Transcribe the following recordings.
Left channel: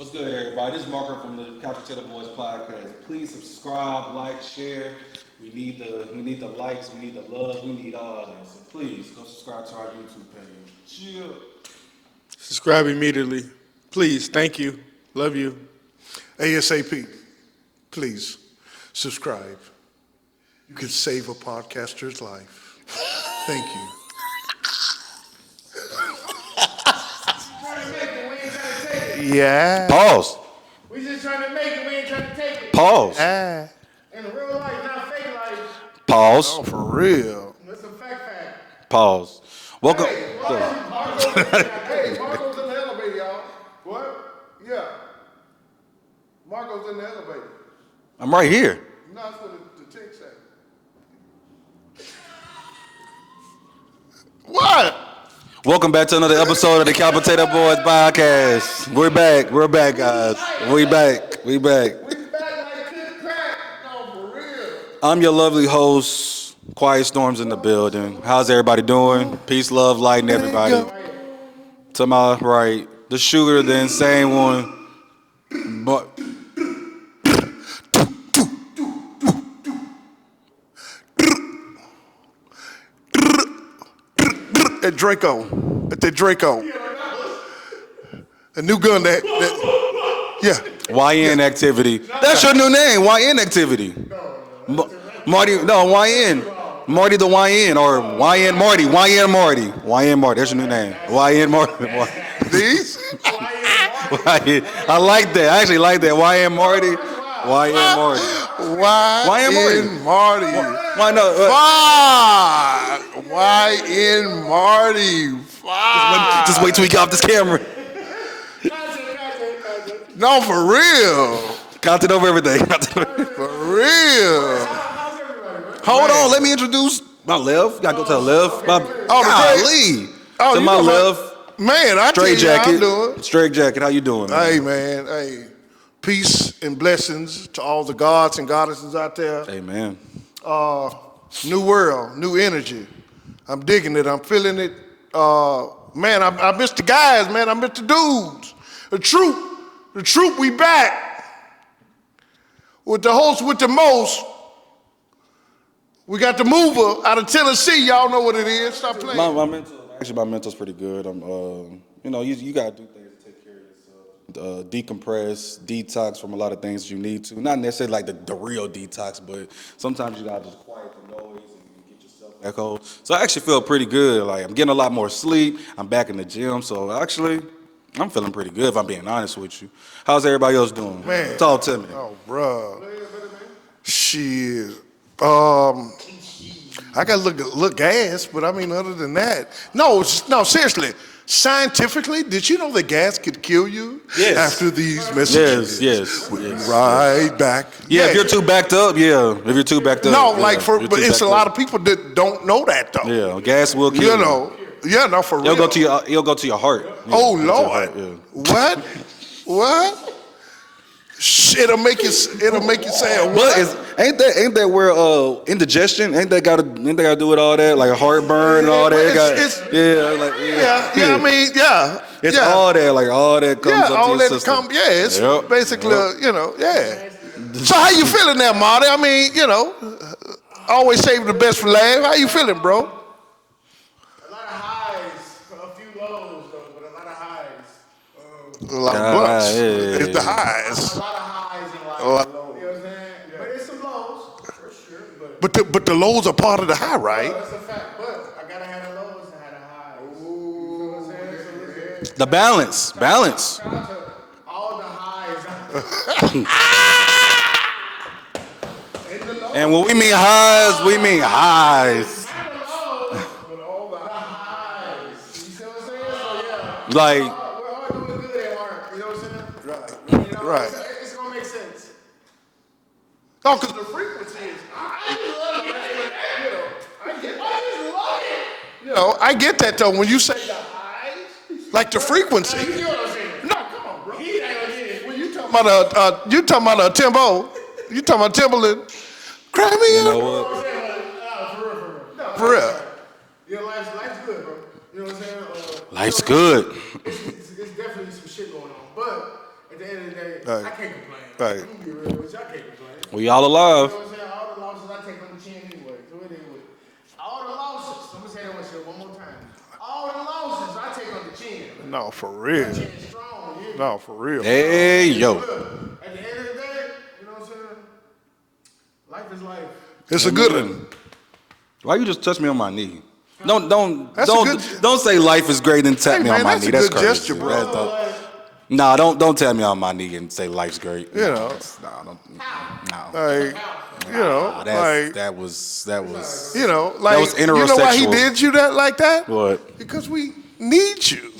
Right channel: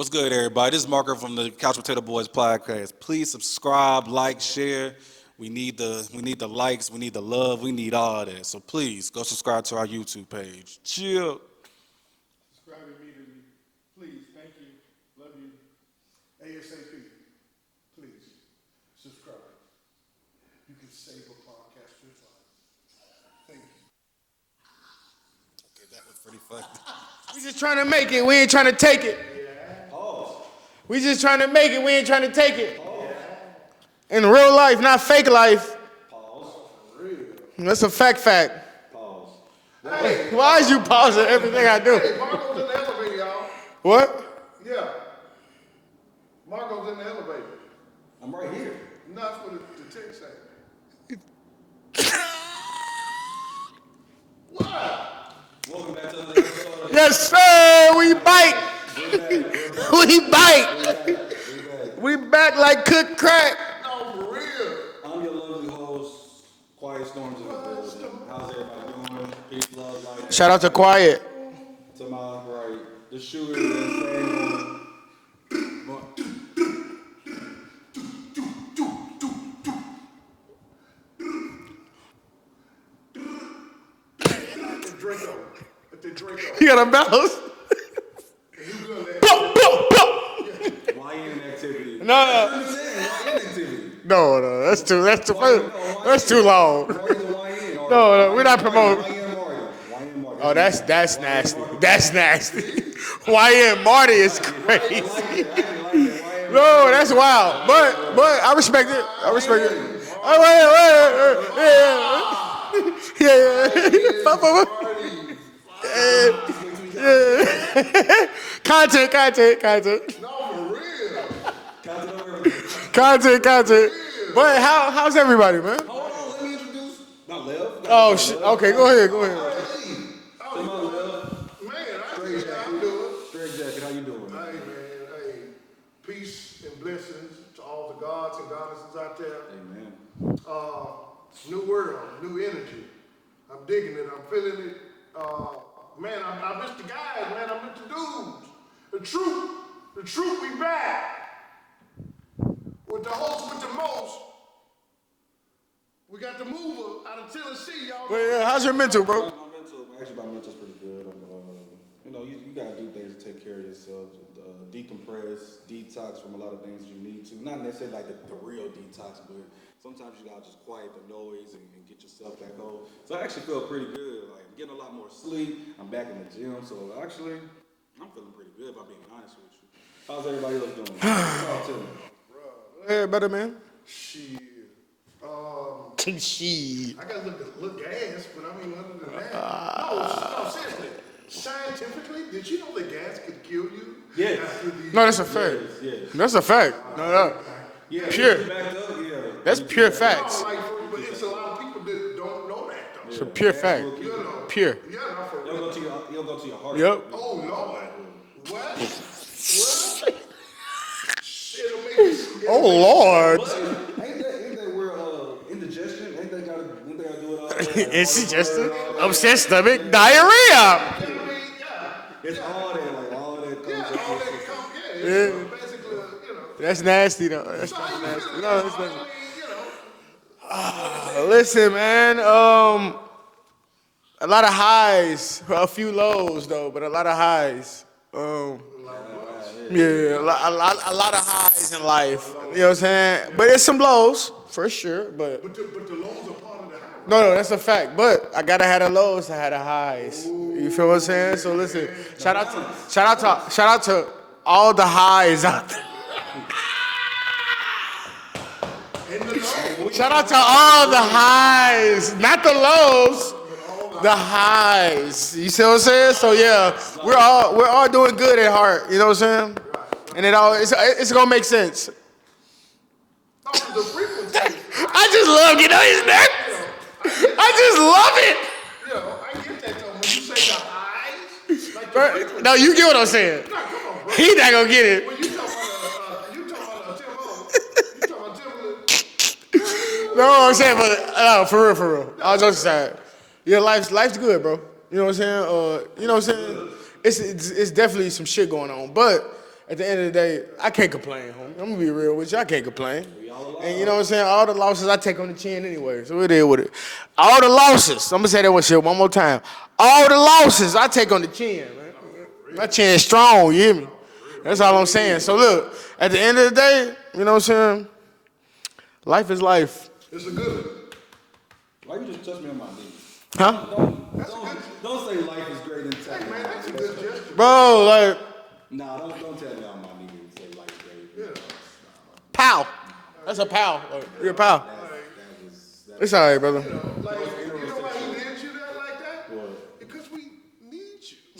What's good, everybody? This is Marco from the Couch Potato Boys podcast. Please subscribe, like, share. We need the likes, we need the love, we need all that. So please go subscribe to our YouTube page. Chill. Subscribe immediately. Please. Thank you. Love you. ASAP. Please subscribe. You can save a podcaster's life. Thank you. We just trying to make it. We ain't trying to take it. Yeah. Pause. We just trying to make it. We ain't trying to take it. Pause. In real life, not fake life. Pause. Oh, for real. That's a fact. Pause. Welcome. Hey, why is you pausing everything I do? Hey, Marco's in the elevator, y'all. What? Yeah. Marco's in the elevator. I'm right here. No, that's what the text said. What? Welcome back to another episode of the Couch Potato Boys podcast. We're back. We're back. We guys. bite. We back. We back. We back like cooked crack. No, for real. I'm your lovely host, Quiet Storms in the building. How's everybody doing? Peace, love, light, and Shout out to Quiet. To my right, the shooter, the insane one. But At Draco. At the Draco. You got a mouse? A new gun that yeah. YN activity. No, That's no. your new name, YN activity. No, that's too Marty, long. no, YN. That's too long. Marty the YN or No, we're YN not Marty. promoting- YN Marty. YN Marty. That's your new name. That's YN nasty. Marty. That's nasty. YN Marty is crazy. I like that. I actually like that. YN Marty. No, that's wild. YN Marty. But I respect it. YN Marty. Marty. Why not? YN Marty. Just wait till we get off this camera. Content. No, for real. Content over everything. Content. real. Wait, how's everybody, man? Hold on. Let me introduce my left. Gotta go to the left. okay, go ahead. Golly. Oh, To you my know what? left. Man, I tell Straight you how jacket. I'm doing. Straight jacket. How you doing? Man? Hey, man. Hey. Peace and blessings to all the gods and goddesses out there. Amen. New world, new energy. I'm digging it. I'm feeling it. Man, I miss the guys, man. I miss the dudes. The troop, we back. With the host, with the most. We got the mover out of Tennessee. Y'all know what it How's is. your mental, bro? My mental's pretty good. I'm, you gotta do things to take care of yourself. Decompress, detox from a lot of things you need to. Not necessarily like the real detox, but sometimes you gotta just quiet the noise and get yourself back home. So I actually feel pretty good. Like I'm getting a lot more sleep. I'm back in the gym, so actually I'm feeling pretty good if I'm being honest with you. How's everybody else doing? Talk to me. Oh, bruh. Yeah, better, man. Shit. I got to look gas, but I mean, other than that. No, seriously. Scientifically, did you know that gas could kill you Yes. after these No, that's a messages? Yes. That's a fact. Right back. Yeah, if you're pure- too backed up, if you're too pure backed fact. up. No, like you're but too it's a backed lot up. of people that don't know that though. Yeah, Pure gas fact. will kill You know. Pure. Yeah, no, for real. It'll go to your heart. Yep. Yeah, Oh it'll go to your Lord. heart, yeah. What? Shit, it'll make it sound. But ain't that where indigestion? Ain't that gotta do with all that, like heartburn and all that? It's stomach diarrhea. Yeah, I mean, yeah. It's yeah. all that, like all that comes Yeah, up all to your that system. come. Yeah, it's Yep. basically, Yep. That's yeah. nasty, though. So how you feeling now, Marty? I mean, always save the best for Listen, last. How man, you feeling, bro? A lot of highs, a few lows, though, but a lot of highs. A lot of blunts. yeah. It's the highs. A lot of highs in life. You know what I'm saying? But it's some lows, for sure. But the lows are part of the high, right? No, that's a fact. But I gotta have the lows to have the highs. You feel what I'm saying? So listen. The balance. Balance. Shout out to all the highs out there. And when we mean All highs, we the mean highs. Not the lows. The highs. You see what I'm saying? So yeah, Like- we're all doing good at heart. You know what I'm saying? And it's gonna make sense. No, 'cause the frequency. I just love getting on his neck. I just love it. I get that though. When you say the highs, like the frequency. No, you get what I'm saying. No, come on. He not gonna get it. You talking about a Timbo? You talking about Timberland? Grab me You know what I'm saying? But no, for real. I was For just real. saying. Yeah, life's good, bro. You know what I'm saying? Life's good. It's definitely some shit going on, but at the end of the day, Right. I can't complain. Right. I'm gonna be real with you. I can't complain. We all You alive. know what I'm saying? All the losses I take on the chin anyway. So it is with it. All the losses. I'm gonna say that one more time. All the losses I take on the chin, man. No, for real. My chin is strong, you hear me? No, for real. That's all I'm saying. Yo. So look, at the end of the day, you know what I'm saying? Life is life. It's a good one. Why you just touch me on my knee? Huh? Don't say life is great and tap Hey, me man, on my that's knee. a That's good crazy. gesture, Bro, like, Nah, don't tap me on my knee and say life's great. You know. Nah, don't. pow. No. That's a pow. You know, Pow. like, That was. It's all right, brother. you know, like, was you know why he intersexual. did you that like that? What? Because we need you.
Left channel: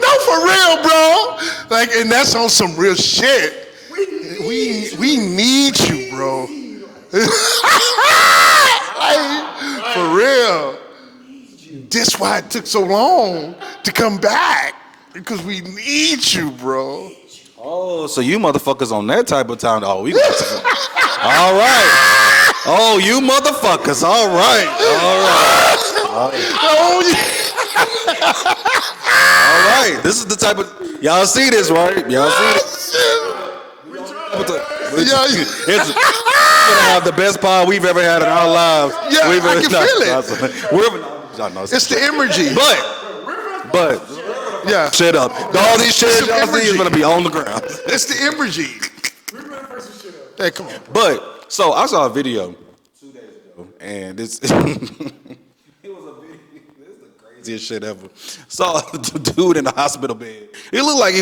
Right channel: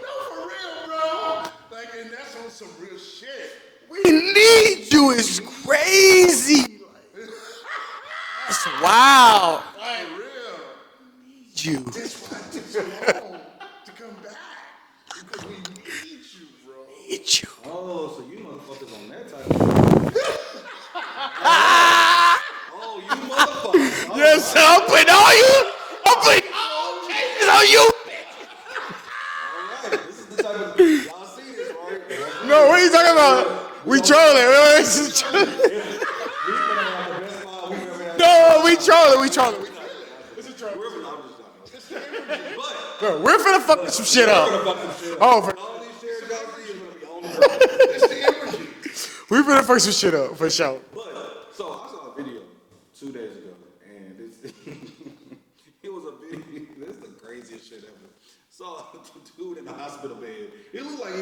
No, for real, bro. Like, and that's on some real shit. We need you. We need Crazy. you, Wow. bro. For real. That's why it took so long to come back. Because we need you, bro. Oh, so you motherfuckers on that type of time? Oh, we got to. All right. Oh, you motherfuckers. All right. All right. This is the type of. Y'all see this, right? Y'all see it? What are you talking about? We trolling, right? We're gonna have the best pod we've ever had in our lives. Yeah, I can feel it. We're It's the energy. but We're finna fuck some shit up. Yeah. shit up. All these shit It's y'all the see is energy. gonna be on the ground. It's the energy. We finna fuck some shit up. For sure. But so I saw a video 2 days ago, and this it was a video. This is the craziest shit ever. Saw the dude in the hospital bed. It looked like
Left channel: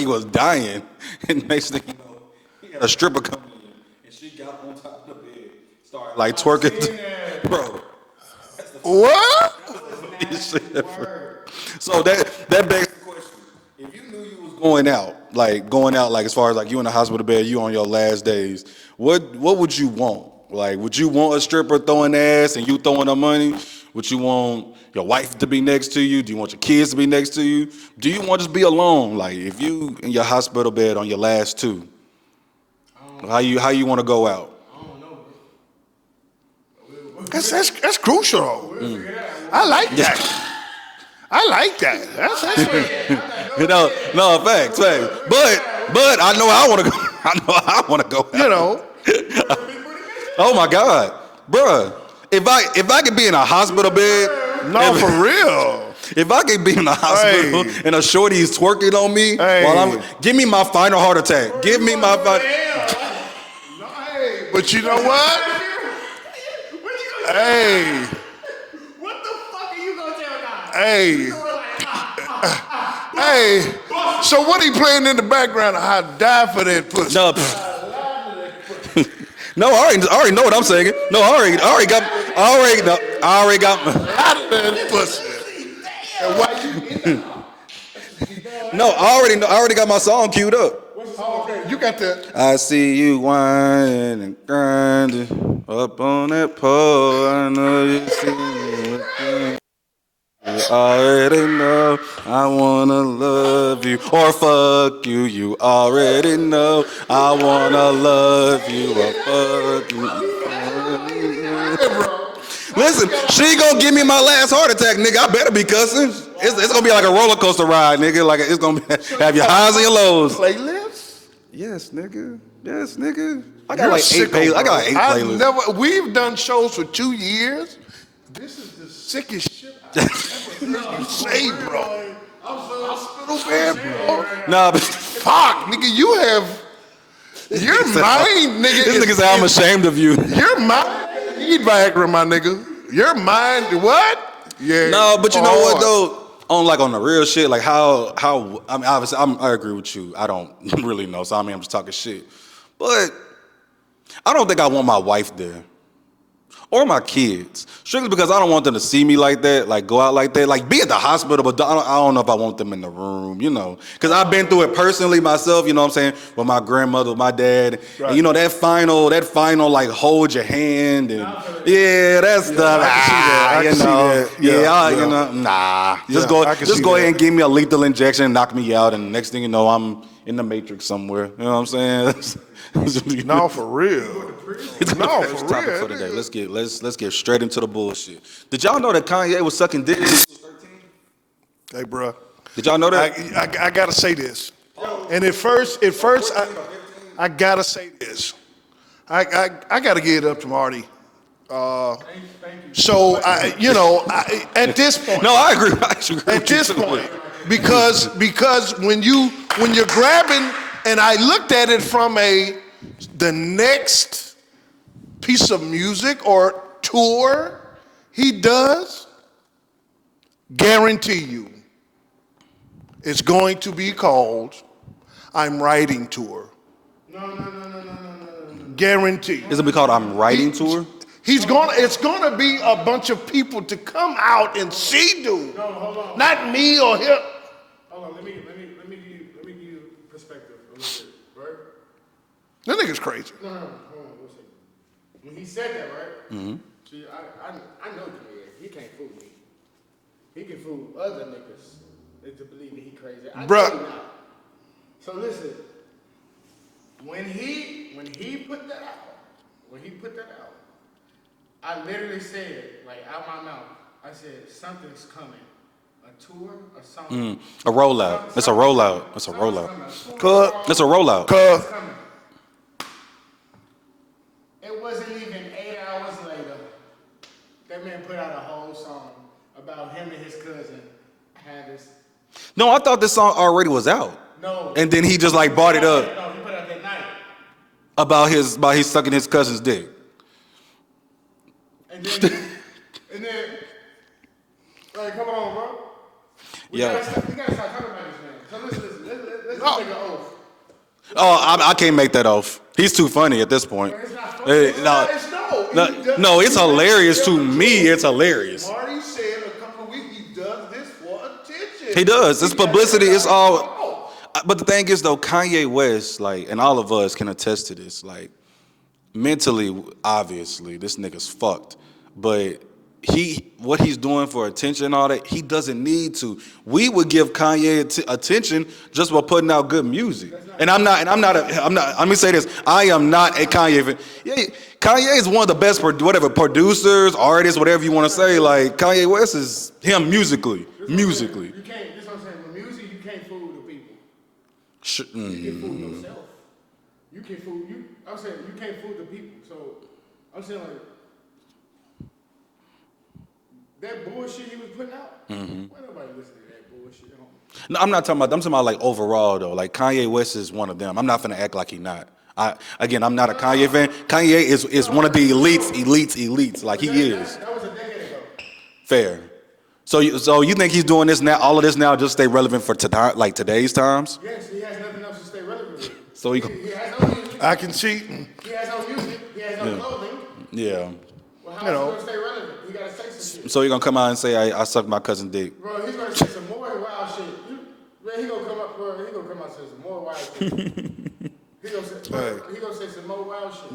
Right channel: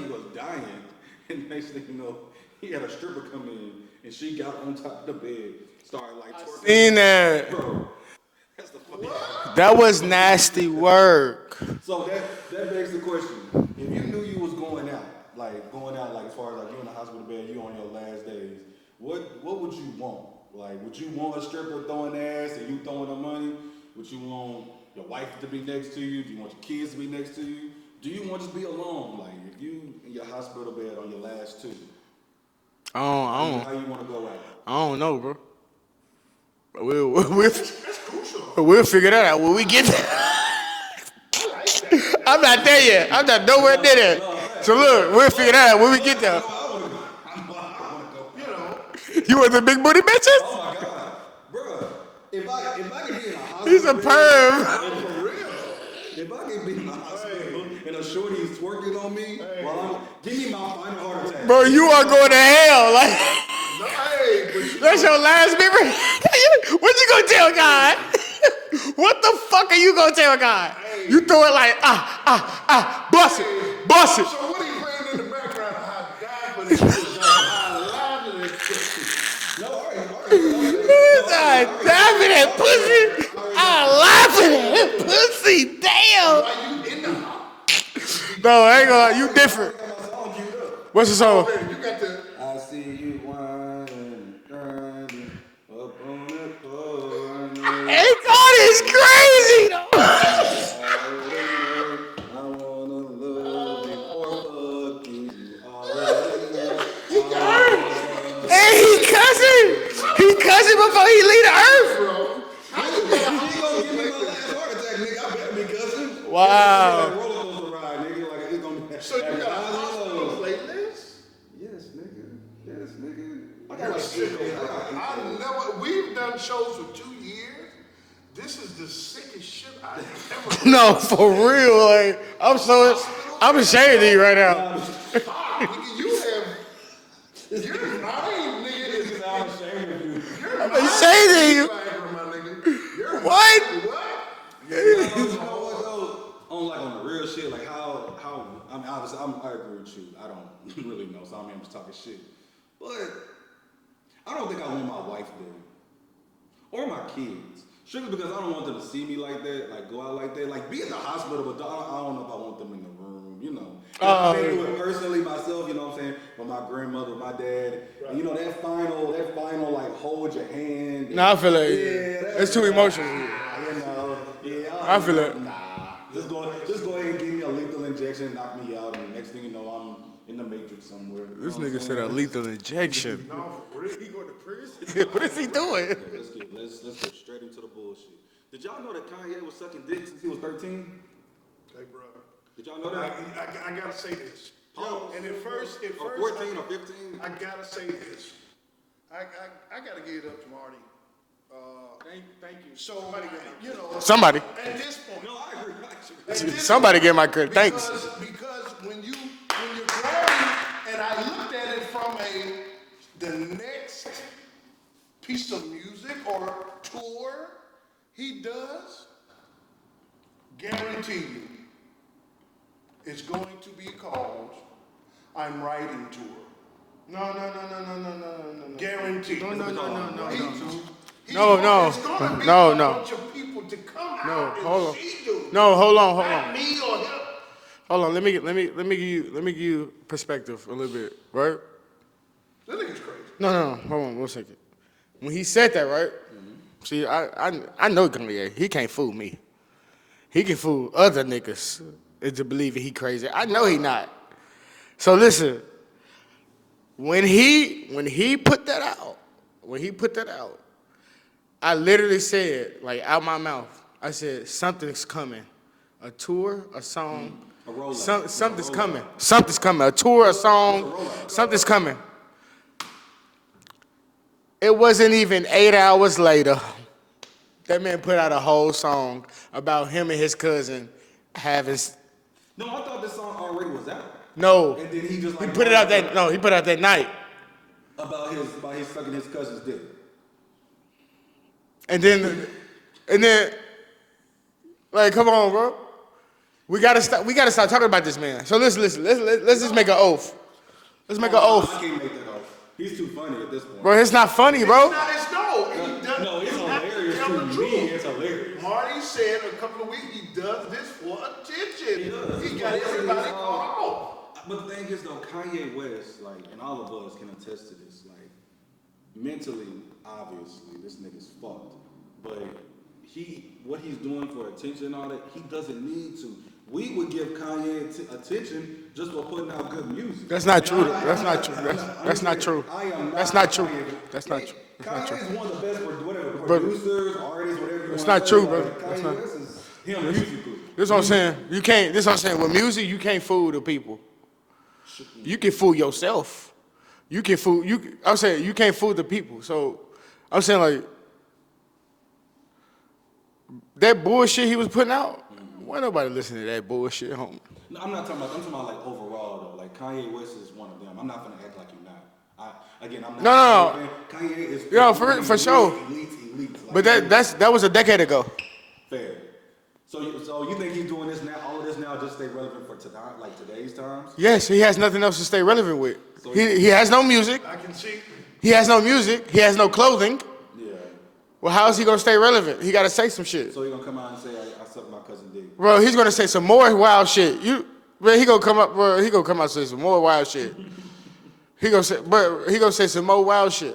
he was dying, and next thing you know, he had a stripper come in, and she got on top of the bed, started like twerking. Seen that. Bro. What? That was nasty work. So that begs the question: if you knew you was going out like as far as like you in the hospital bed, you on your last days, what would you want? Like, would you want a stripper throwing ass and you throwing her money? Would you want your wife to be next to you? Do you want your kids to be next to you? Do you want to just be alone? Like, if you in your hospital bed on your last two, how you want to go out? I don't know, bro. That's crucial. We'll figure that out. When we I like get there. that. I like that. I'm not there yet. I'm not nowhere near there. No, facts. So look, we'll figure that out when we get there. I know I want to go. I know I want to go. You know. You want the big booty bitches? Oh my God, bruh. If I could be in a hospital He's a bed, No, for real. if I could be in a hospital Hey. and a shorty is twerking on me Hey. while give me my final heart attack. Bro, Give you me are my going to fi- hell. Like, Hey, but you know that's your what? last people. What you gonna tell Hey. God? What the fuck are you gonna tell God? Hey. You throw it like, bust Hey, it, bust it. So what he playing in the background? I die for that pussy. No, I already know what I'm saying. No, I already got. laughing at that pussy. Damn. No, I already got my song queued up. What's the song? You got the. I see you whining and grinding up on that pole. I know you Hey, see God is me. crazy. You already know I wanna love you or fuck you. You already know I wanna love Hey, you. he cussing. He cussing before he leave the earth, bro. Listen, she gonna give me my last heart attack, nigga. I better be cussing. Wow. It's gonna be like a roller coaster ride, nigga. Like it's gonna have your highs and your lows. Playlist? Yes, nigga. Yes, nigga. I got You're like sicko, 8 playlists. I bro. got 8 I've playlists. We've done shows for 2 years. This is the sickest shit I've ever No, for seen, real. bro. Like, I'm ashamed of you right now. Nah, but Fuck, nigga, you have. Your mind, nigga. this nigga said I'm ashamed of you. Your mind. Say Viagra, my nigga. Your mind. What? Yeah. No, but you know what hard. though? On the real shit, like how I mean, obviously I agree with you. I don't really know, so I mean I'm just talking shit. But I don't think I want my wife there. Or my kids, strictly because I don't want them to see me like that, like go out like that, like be at the hospital, but I don't know if I want them in the room, you know, because I've been through it personally myself, you know what I'm saying, with my grandmother, my dad, and you know that final like hold your hand, and Nah, I feel it. yeah, that's It's too much to see that. I you can see know, that. Yeah. yeah, you know, nah, Yeah, I can just see go that. ahead and give me a lethal injection, knock me out, and next thing you know, I'm in the Matrix somewhere. You know what I'm saying? Lethal injection. No, for real. No, for For the day. Let's get straight into the bullshit. Did y'all know that Kanye was sucking dick when he was 13? Hey, bro. Did y'all know that? I gotta say this. And at first, I gotta say this. I gotta give it up to Marty. So somebody at this point. No, I agree. At this Somebody point, get my credit. because when you're grabbing, and I looked at it from the next piece of music or tour he does, guarantee you, it's going to be called I'm Writing Tour. No. Guarantee. Is it be called I'm Writing Tour? It's gonna be a bunch of people to come out and see dude. No, hold on. Not me or him. Hold on. Let me give you perspective a little bit, right? That nigga's crazy. No. Hold on 1 second. When he said that, right? Mm-hmm. See, I know Kanye. He can't fool me. He can fool other niggas into believing he crazy. I know he not. So listen. When he put that out, I literally said, like, out my mouth, I said, something's coming. A tour, a song. A rollout. It's a rollout. Something's coming. A tour, a song. It's a rollout. Something's coming. It wasn't even 8 hours later, that man put out a whole song about him and his cousin having... No, I thought this song already was out. No. And then he just like brought it up. No, he put it out that night. About his sucking his cousin's dick. And then, like, come on, bro. We gotta stop talking about this man. So listen. Let's just make an oath. I can't make that oath. He's too funny at this point. Bro, it's not funny, bro. No, it's hilarious to me. It's hilarious. Marty said a couple of weeks he does this for attention. He does. It's publicity. It's all. But the thing is, though, Kanye West, like, and all of us can attest to this, like, mentally, obviously, this nigga's fucked. But what he's doing for attention and all that, he doesn't need to. We would give Kanye attention just by putting out good music. That's not and true. Let me say this. I am not a Kanye fan. Kanye is one of the best, producers, artists, whatever you want to say. True, like, Kanye West is him musically. This is what I'm saying. This is what I'm saying. With music, you can't fool the people. You can fool yourself. I'm saying you can't fool the people. So I'm saying, like, that bullshit he was putting out, why nobody listening to that bullshit, homie? No, I'm talking about like overall though. Like Kanye West is one of them. I'm not gonna act like he not. I'm not a Kanye fan. Kanye is one of the elites. Like but that was a decade ago. Fair. So you think he's doing this now, all of this now, just stay relevant for today's times? Yes, he has nothing else to stay relevant with. So he has no music. I can see. He has no music. He has no clothing. Yeah. Well, how is he gonna stay relevant? He gotta say some shit. So you're gonna come out and say I sucked my cousin dick? Bro, he's gonna say some more wild shit. He gonna come out and say some more wild shit. He gonna say some more wild shit.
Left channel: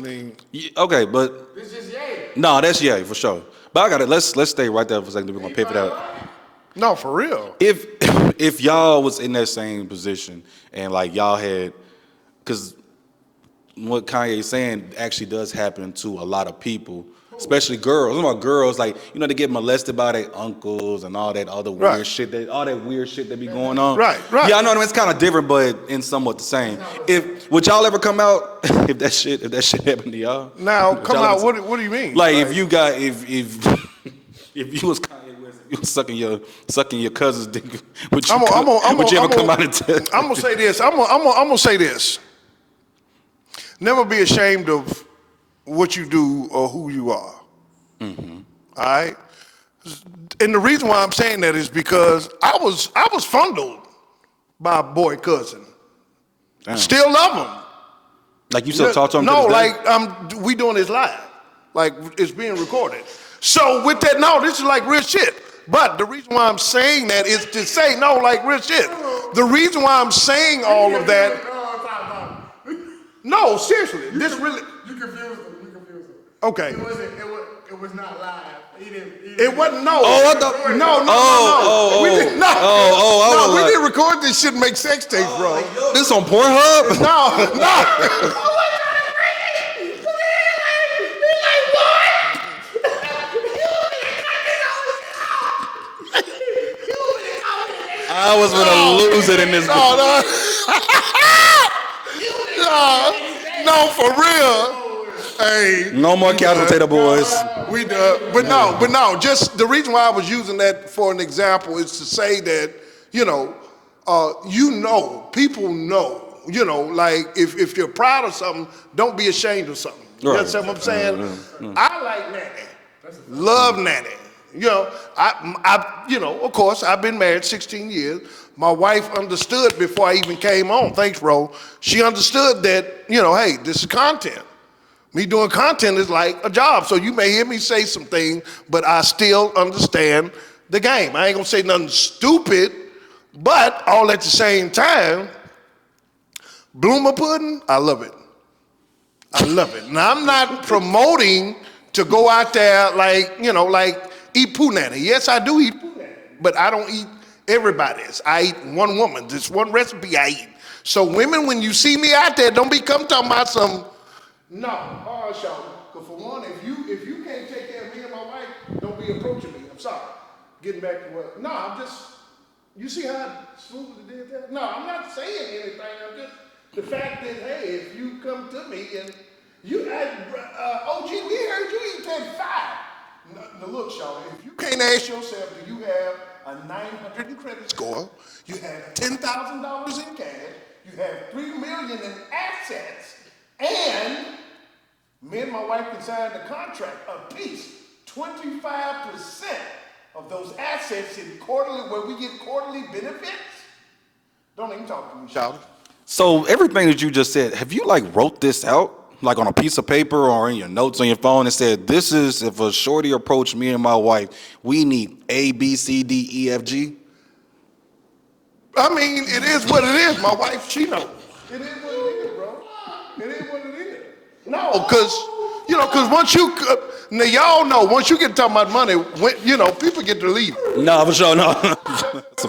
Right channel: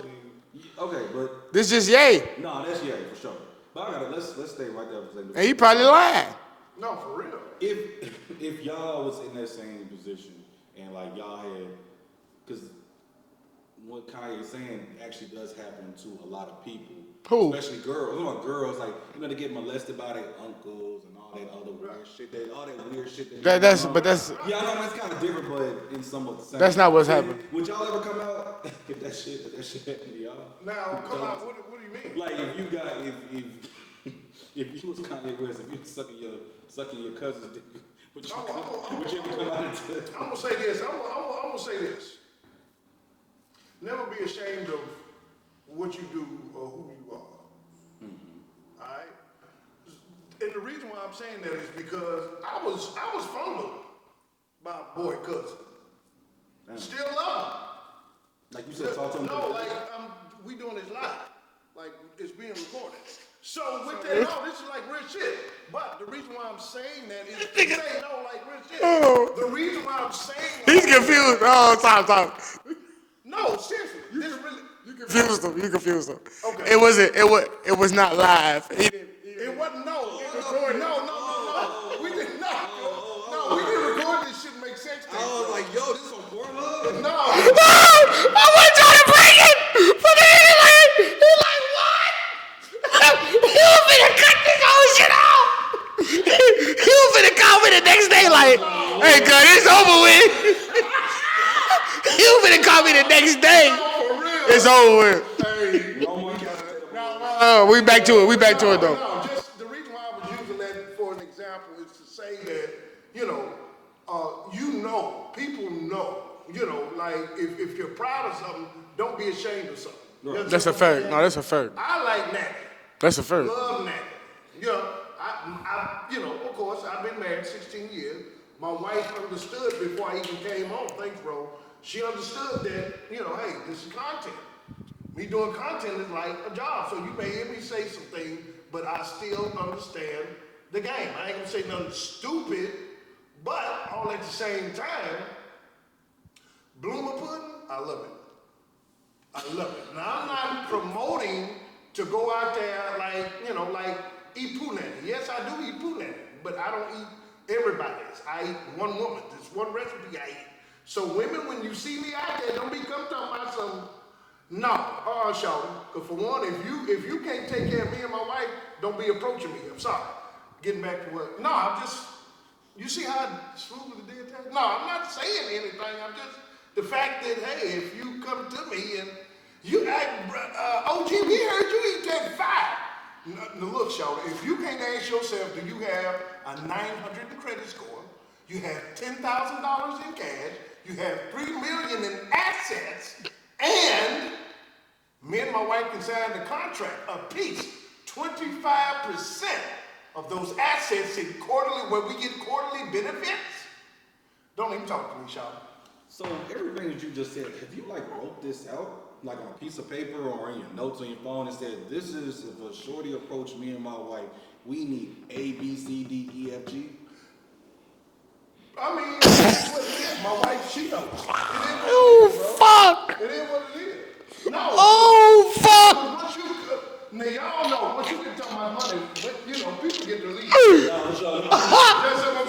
Okay, but this just Ye. No, that's Ye for sure. But let's stay right there for a second. He probably lying. No, for real. If y'all was in that same position and like y'all had, because what Kanye's saying actually does happen to a lot of people. Who? Especially girls. I'm talking about girls, like, they get molested by their uncles and all that other weird shit. All that weird shit that be going on. Right. Yeah, I know it's kind of different, but in somewhat the same. That's not what's happening. Would y'all ever come out if that shit happened to y'all? Now, come out. What do you mean? Like if you was Kanye West, if you was sucking your cousin's dick, would you ever come out and tell? I'm gonna say this. I'm gonna say this. Never be ashamed of what you do or who you are. Mm-hmm. All right? And the reason why I'm saying that is because I was fondled by a boy cousin. Damn. Still love him. Like you still talk to him? No, to this day? like we doing this live. Like it's being recorded. So with that, no, this is like real shit. But the reason why I'm saying that is to say, no, like real shit. The reason why I'm saying all of that. Oh, stop. No, seriously. This really. You confused him. Okay. It wasn't. It was not live. It wasn't. No. Oh, I thought. No. We didn't. No. I was we like- didn't record this shit and make sex tapes, bro. This on Pornhub? No. I was trying to bring it, but he like what? He was finna cut this whole shit out. He was finna call me the next day I was like, finna lose it in it's this over with. He was finna call me the next day. No, for real. It's over with. Hey. No more Couch Potato Boys. We back to it. We back to it. But no, just the reason why I was using that for an example is to say that, people know, like if you're proud of something, don't be ashamed of something. Right. That's what I'm saying. No, that's a fact. I like Natty. That's a fact. Love Natty. Of course, I've been married 16 years. My wife understood before I even came on. Thanks, Ro. She understood that, hey, this is content. Me doing content is like a job. So you may hear me say some things, but I still understand the game. I ain't gonna say nothing stupid, but all at the same time, bloomer pudding, I love it. I love it. Now, I'm not promoting to go out there like eat punani. Yes, I do eat punani, but I don't eat everybody's. I eat one woman. This one recipe I eat. So women, when you see me out there, don't be come talking about some, show. Because for one, if you can't take care of me and my wife, don't be approaching me. I'm sorry. Getting back to what, you see how smooth it did that? No, I'm not saying anything. I'm just, the fact that, hey, if you come to me and you act, OG, we heard you eat that 5. Now, look, Shawty, if you can't ask yourself, do you have a 900 in credit score, you have $10,000 in cash, you have $3 million in assets, and me and my wife can sign the contract a piece, 25% of those assets in quarterly, where we get quarterly benefits? Don't even talk to me, Shawty. So everything that you just said, have you wrote this out? Like on a piece of paper or in your notes on your phone and said, this is if a shorty approached me and my wife, we need A, B, C, D, E, F, G? I mean, it is what it is. My wife, she knows. Fuck. It is what it is. No, because once now y'all know, once you get talking about money, people get to leave. No, for sure, no. That's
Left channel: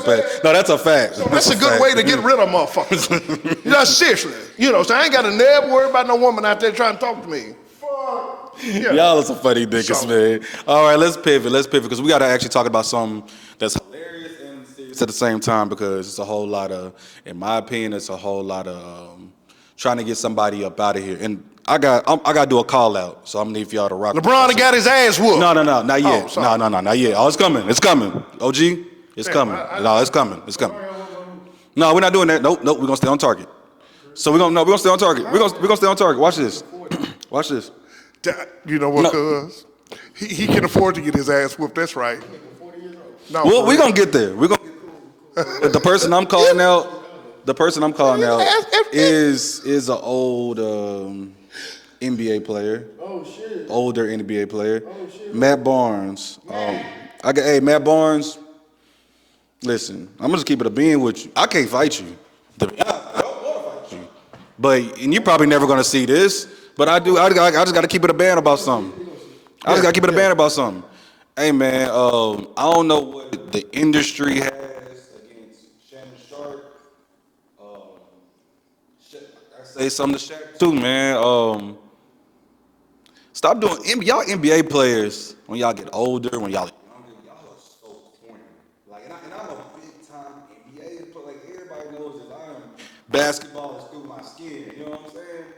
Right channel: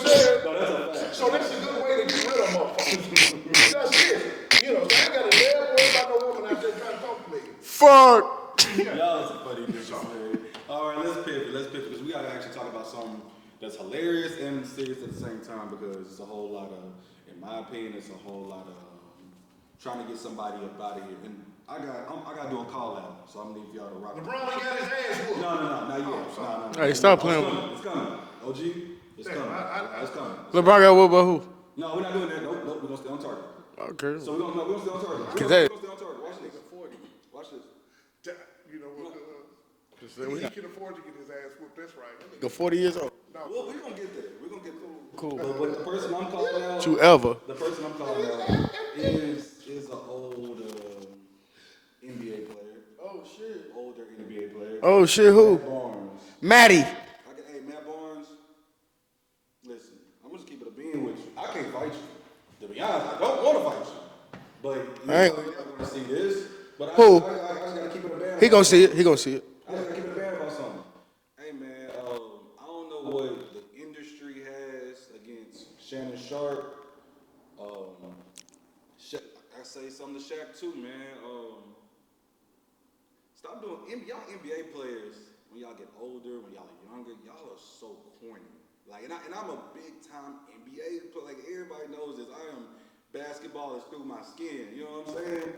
a fact. So that's a good way to get rid of motherfuckers. Seriously. So I ain't got to never worry about no woman out there trying to talk to me. Fuck. Yeah. Y'all are some funny niggas, man. All right, let's pivot, because we got to actually talk about something that's hilarious and serious at the same time, because it's a whole lot of, in my opinion, it's a whole lot of trying to get somebody up out of here. And I got to do a call out, so I'm gonna need for y'all to rock. LeBron got his ass whooped. No, not yet. sorry. No, not yet. Oh, it's coming. It's coming. OG, it's coming. No, it's coming. It's LeBron coming. got what about who? No, we're not doing that. Nope. We're gonna stay on target. Okay. So we're gonna stay on target. We're gonna stay on target. Watch this. Watch this. You know what, No. cuz? He can afford to get his ass whooped. That's right. Nigga 40 years old. No, Well, for we're real. gonna get there. We're gonna get cool. But the person I'm calling out, the person I'm calling out is an old NBA player. Oh shit. Older NBA player. Oh shit. Who? Matt Barnes. Matty. Matt Barnes. Listen, I'm gonna just keep it a being with you. I can't fight you. To be honest, I don't want to fight you. And you're probably never gonna see this. But I do. I just gotta keep it a band about something. He gonna see it. I just gotta keep it a band about something. Hey man, I don't know what the industry has against Shannon Sharpe. I say something to Shaq too, man. Stop doing y'all NBA players when y'all get older, when y'all younger. Y'all are so corny. And I'm a big time NBA player. Everybody knows this. I am basketball is through my skin. You know what I'm saying?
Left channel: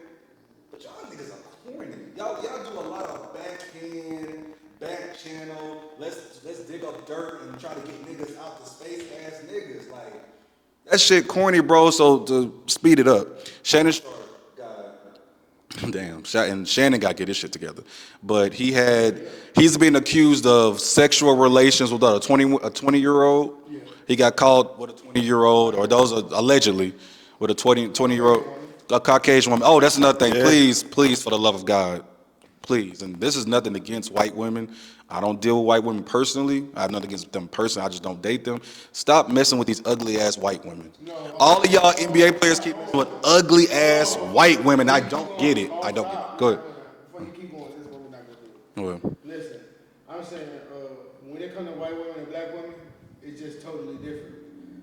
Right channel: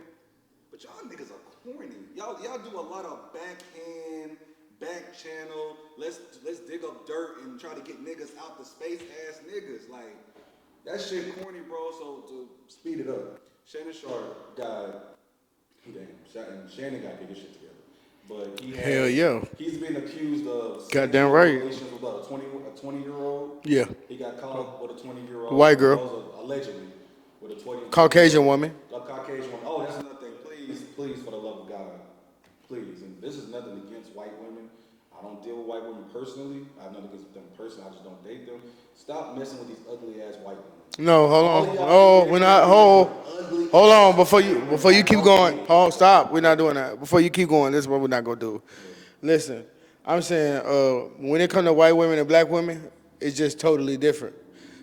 But y'all niggas are corny. Y'all do a lot of backhand, back channel. Let's dig up dirt and try to get niggas out to space ass niggas. That shit corny, bro. So to speed it up, Shannon Sharpe got and Shannon got to get his shit together. But he's been accused of sexual relations with a 20-year-old. Yeah. He got caught with a 20-year-old. White girl. Or those are allegedly. With a Caucasian woman. A Caucasian woman. Oh, that's another thing. Yeah. Please, for the love of God, Please. And this is nothing against white women. I don't deal with white women personally. I have nothing against them personally. I just don't date them. Stop messing with these ugly-ass white women. No, hold All on. of y'all NBA players keep with ugly-ass white women. Before you I keep don't going, get it. hold I on, don't- stop. We're Go not ahead. doing that. Before you keep going, this is what we're not going to do. What? Listen, I'm saying when it comes to white women and black women, it's just totally different.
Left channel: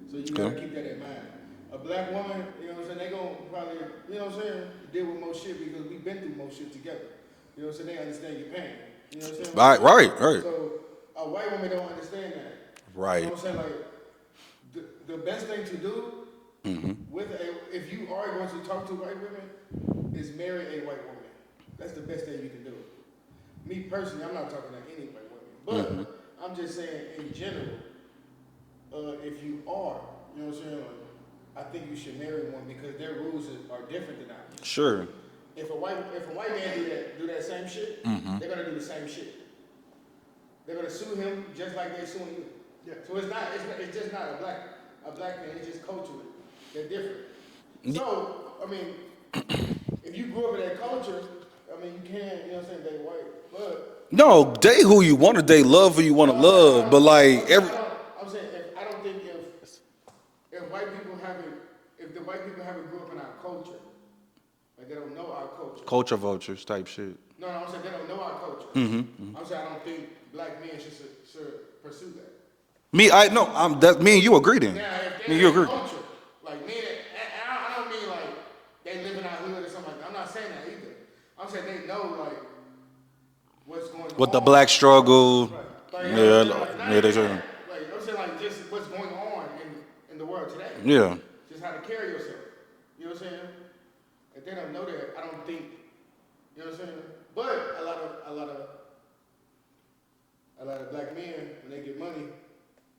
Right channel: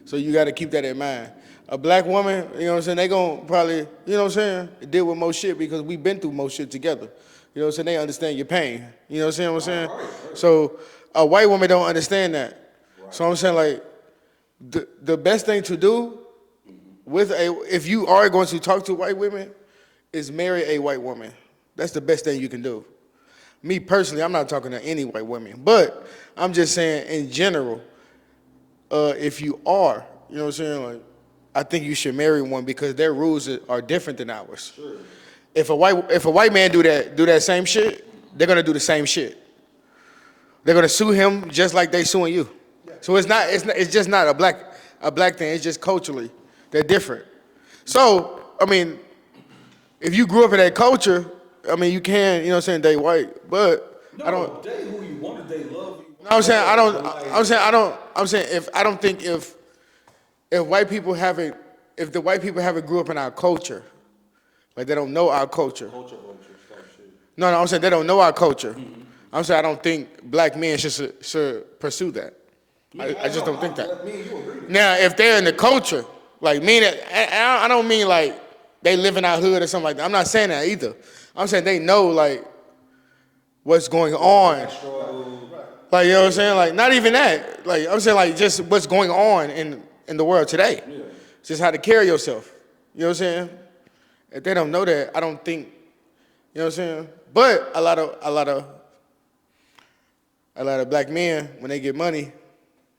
So you got to keep that in mind. A black woman, you know what I'm saying, they going to probably, you know what I'm saying, deal with most shit because we've been through most shit together. You know what I'm saying? They understand your pain. You know what I'm saying? Right. So a white woman don't understand that. Right. So I'm saying, like, the best thing to do if you are going to talk to white women is marry a white woman. That's the best thing you can do. Me personally, I'm not talking to any white women, but I'm just saying in general, if you are, you know what I'm saying, like, I think you should marry one because their rules are different than ours. Sure. If a white man do that same shit, they're gonna do the same shit. They're gonna sue him just like they suing you. So it's just not a black thing. It's just culturally they're different. So I mean, if you grew up in that culture, I mean, you can, you know what I'm saying, date white, but No, date who you want to date, love who you want to I'm love. saying I don't. But like, I'm saying if white people haven't grew up in our culture, like they don't know our culture. culture vultures type shit. No, I'm saying they don't know our culture. I'm saying I don't think black men should pursue that. Me, I just don't think that. me and you agree then. Now, if they're in You the agree. culture, like meaning, I don't mean like they live in our hood or something like that. I'm not saying that either. I'm saying they know like what's going With on. the black struggle. Like, you know what I'm Yeah. saying? Like, not Yeah, even yeah. that. Like, I'm saying, like, just what's going on in the world today. Yeah. Just how to carry yourself. You know what I'm saying? If they don't know that, I don't think, you know what I'm saying? But a lot of black men, when they get money,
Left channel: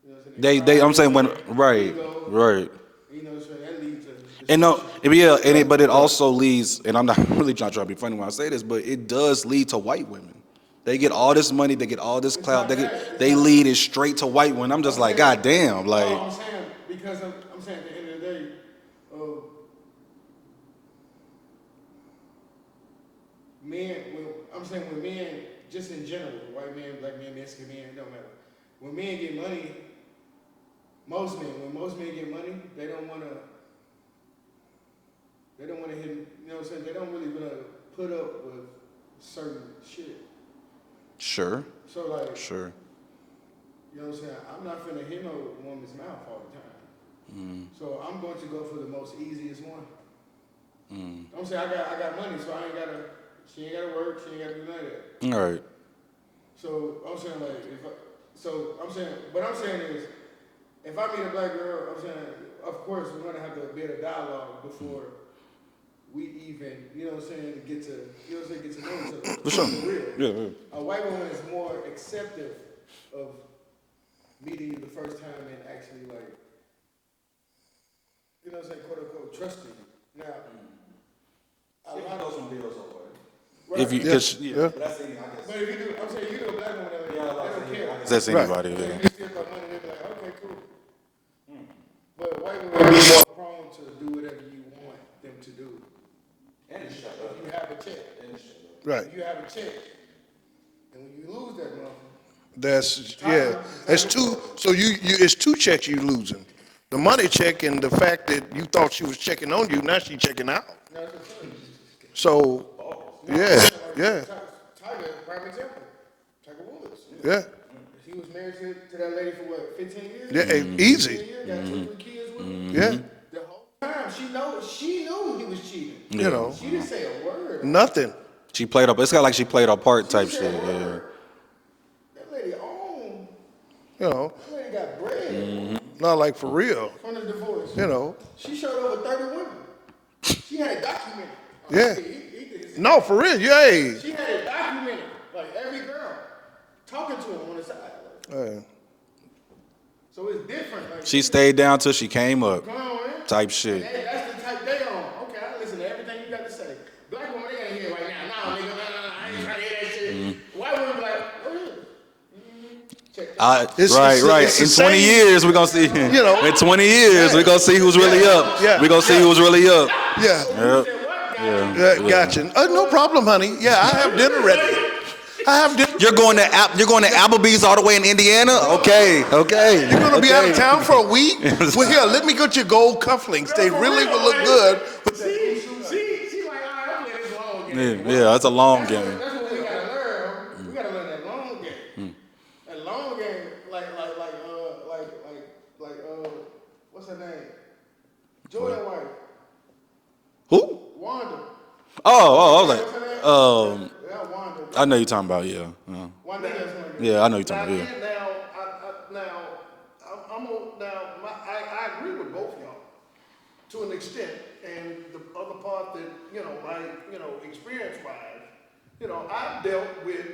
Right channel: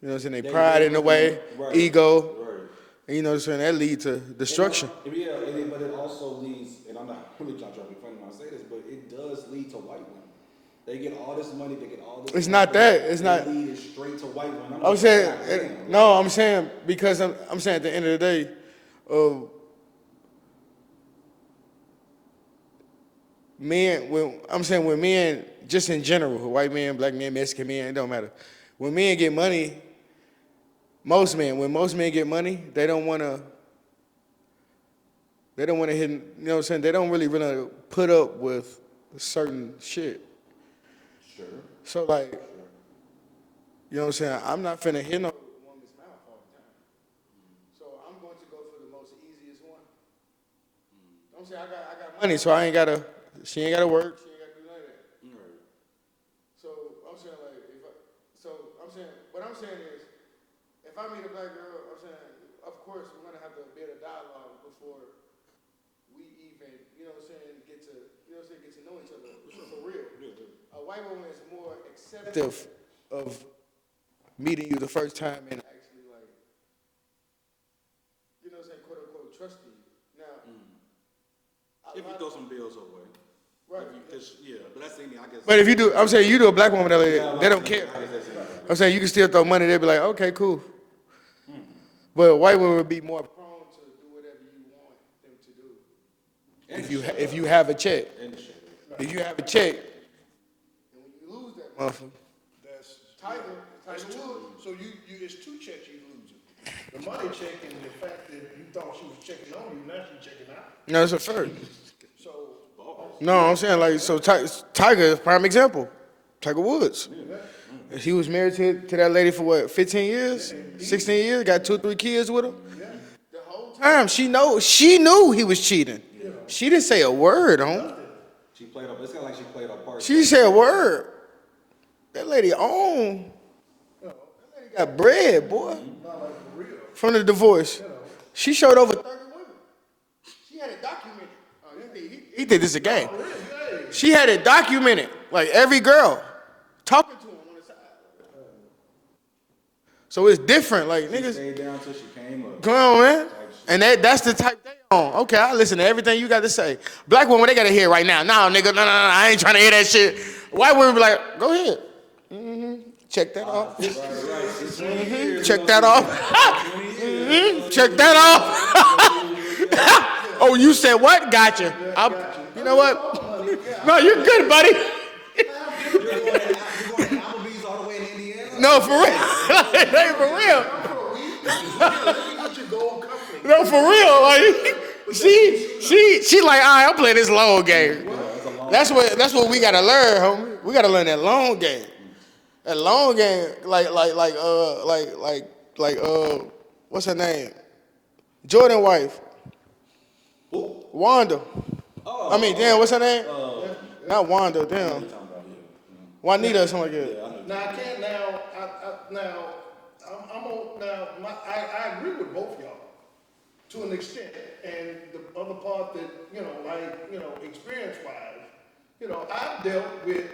you know what I'm saying? They pride I'm in the saying way, right. ego. Right. And you know what I'm saying? That leads to And no, destruction. but it also leads, and I'm not really trying to be funny when I say this, but it does lead to white women. They get all this money, they get all this It's clout, not that. It's they not- lead it straight to white women. I'm just I'm like, saying- God damn. Like, No, I'm saying because I'm saying at the end of the day, when men, just in general, white men, black men, Mexican men, it don't matter. When men get money, when most men get money, they don't want to hit, you know what I'm saying? They don't really put up with certain shit. sure, So like, sure. you know what I'm saying? I'm not finna hit no woman's mouth all the time. So I'm going to go for the most easiest one. I'm saying I got money, so she ain't gotta work, she ain't gotta do none of that. All right. So I'm saying what I'm saying is, if I meet a black girl, I'm saying, of course we're gonna have to build a dialogue before we even, you know what I'm saying, get to know each other. For sure. For real. Yeah. A white woman is more acceptive of meeting you the first time and actually like, you know what I'm saying, quote unquote, trusting you. Now, If you throw some bills away. right. If you, Yeah. But that's any, I guess. But if you do, I'm saying you do a black woman, they don't care. That's anybody. I'm saying you can still throw money, they'll be like, okay, cool. But white women will be more prone to do whatever you want them to do. If you have a check. Right. If you have a check, and when you lose that motherfucker, That's two. So you it's two checks you losing. The money check and the fact that you thought she was checking on you, now she checking out. no, it's a fact. So No, yeah, I'm saying like, so yeah. Tiger is a prime example. Tiger Woods. Yeah. He was married to that lady for what, 15 years? Yeah, 16 easy. years, got 2-3 kids with him. Yeah. The whole time, she knew he was cheating. You know. She didn't say a word on it. Nothing. She played up. It's kind of like she played a part. She type didn't say a shit, word. That lady owned. You know. That lady got bread, boy. Not like for real. From the divorce. You know. She showed over 30 women. She had it documented. Yeah. He did this again. No, for real. Yeah. She had it documented. Like every girl talking to him on the side. So it's different. Like She niggas- stayed down till she came up. Come on, man. Type shit. And that's the type they on. Okay, I listen to everything you got to say. Black women, they got to hear right now. No, nigga, no, I ain't trying to hear that shit. White women be like, go ahead. Check that out. It's In the 20 same- years, we're check gonna that see. off, you know. In 20 years, we're gonna see Check who's that really out. up. Yeah. We're gonna see who's really up. Yeah. Oh, you said what? Gotcha. Gotcha. No what? problem, honey. Yeah, No, I you're have dinner good, ready. buddy. I have dinner. You're going to Applebee's all the way in Indiana? No, Okay. for Okay. You're gonna be out of real. town for a week? Well, here, let me get your gold cufflinks. No, They for really real. look Like, good. She like, all right, I'm playing this long game. Yeah, that's a long. That's game. what we gotta learn, homie. We gotta learn that long game. That long game, what's her name? Jordan wife, Who? Wanda. Oh, Damn, okay. what's her name? Not Wanda. I know you're talking about. Yeah. Juanita or something like that. Yeah, I know you're Now, talking about. I agree with both y'all to an extent, and the other part that experience-wise, I've dealt with,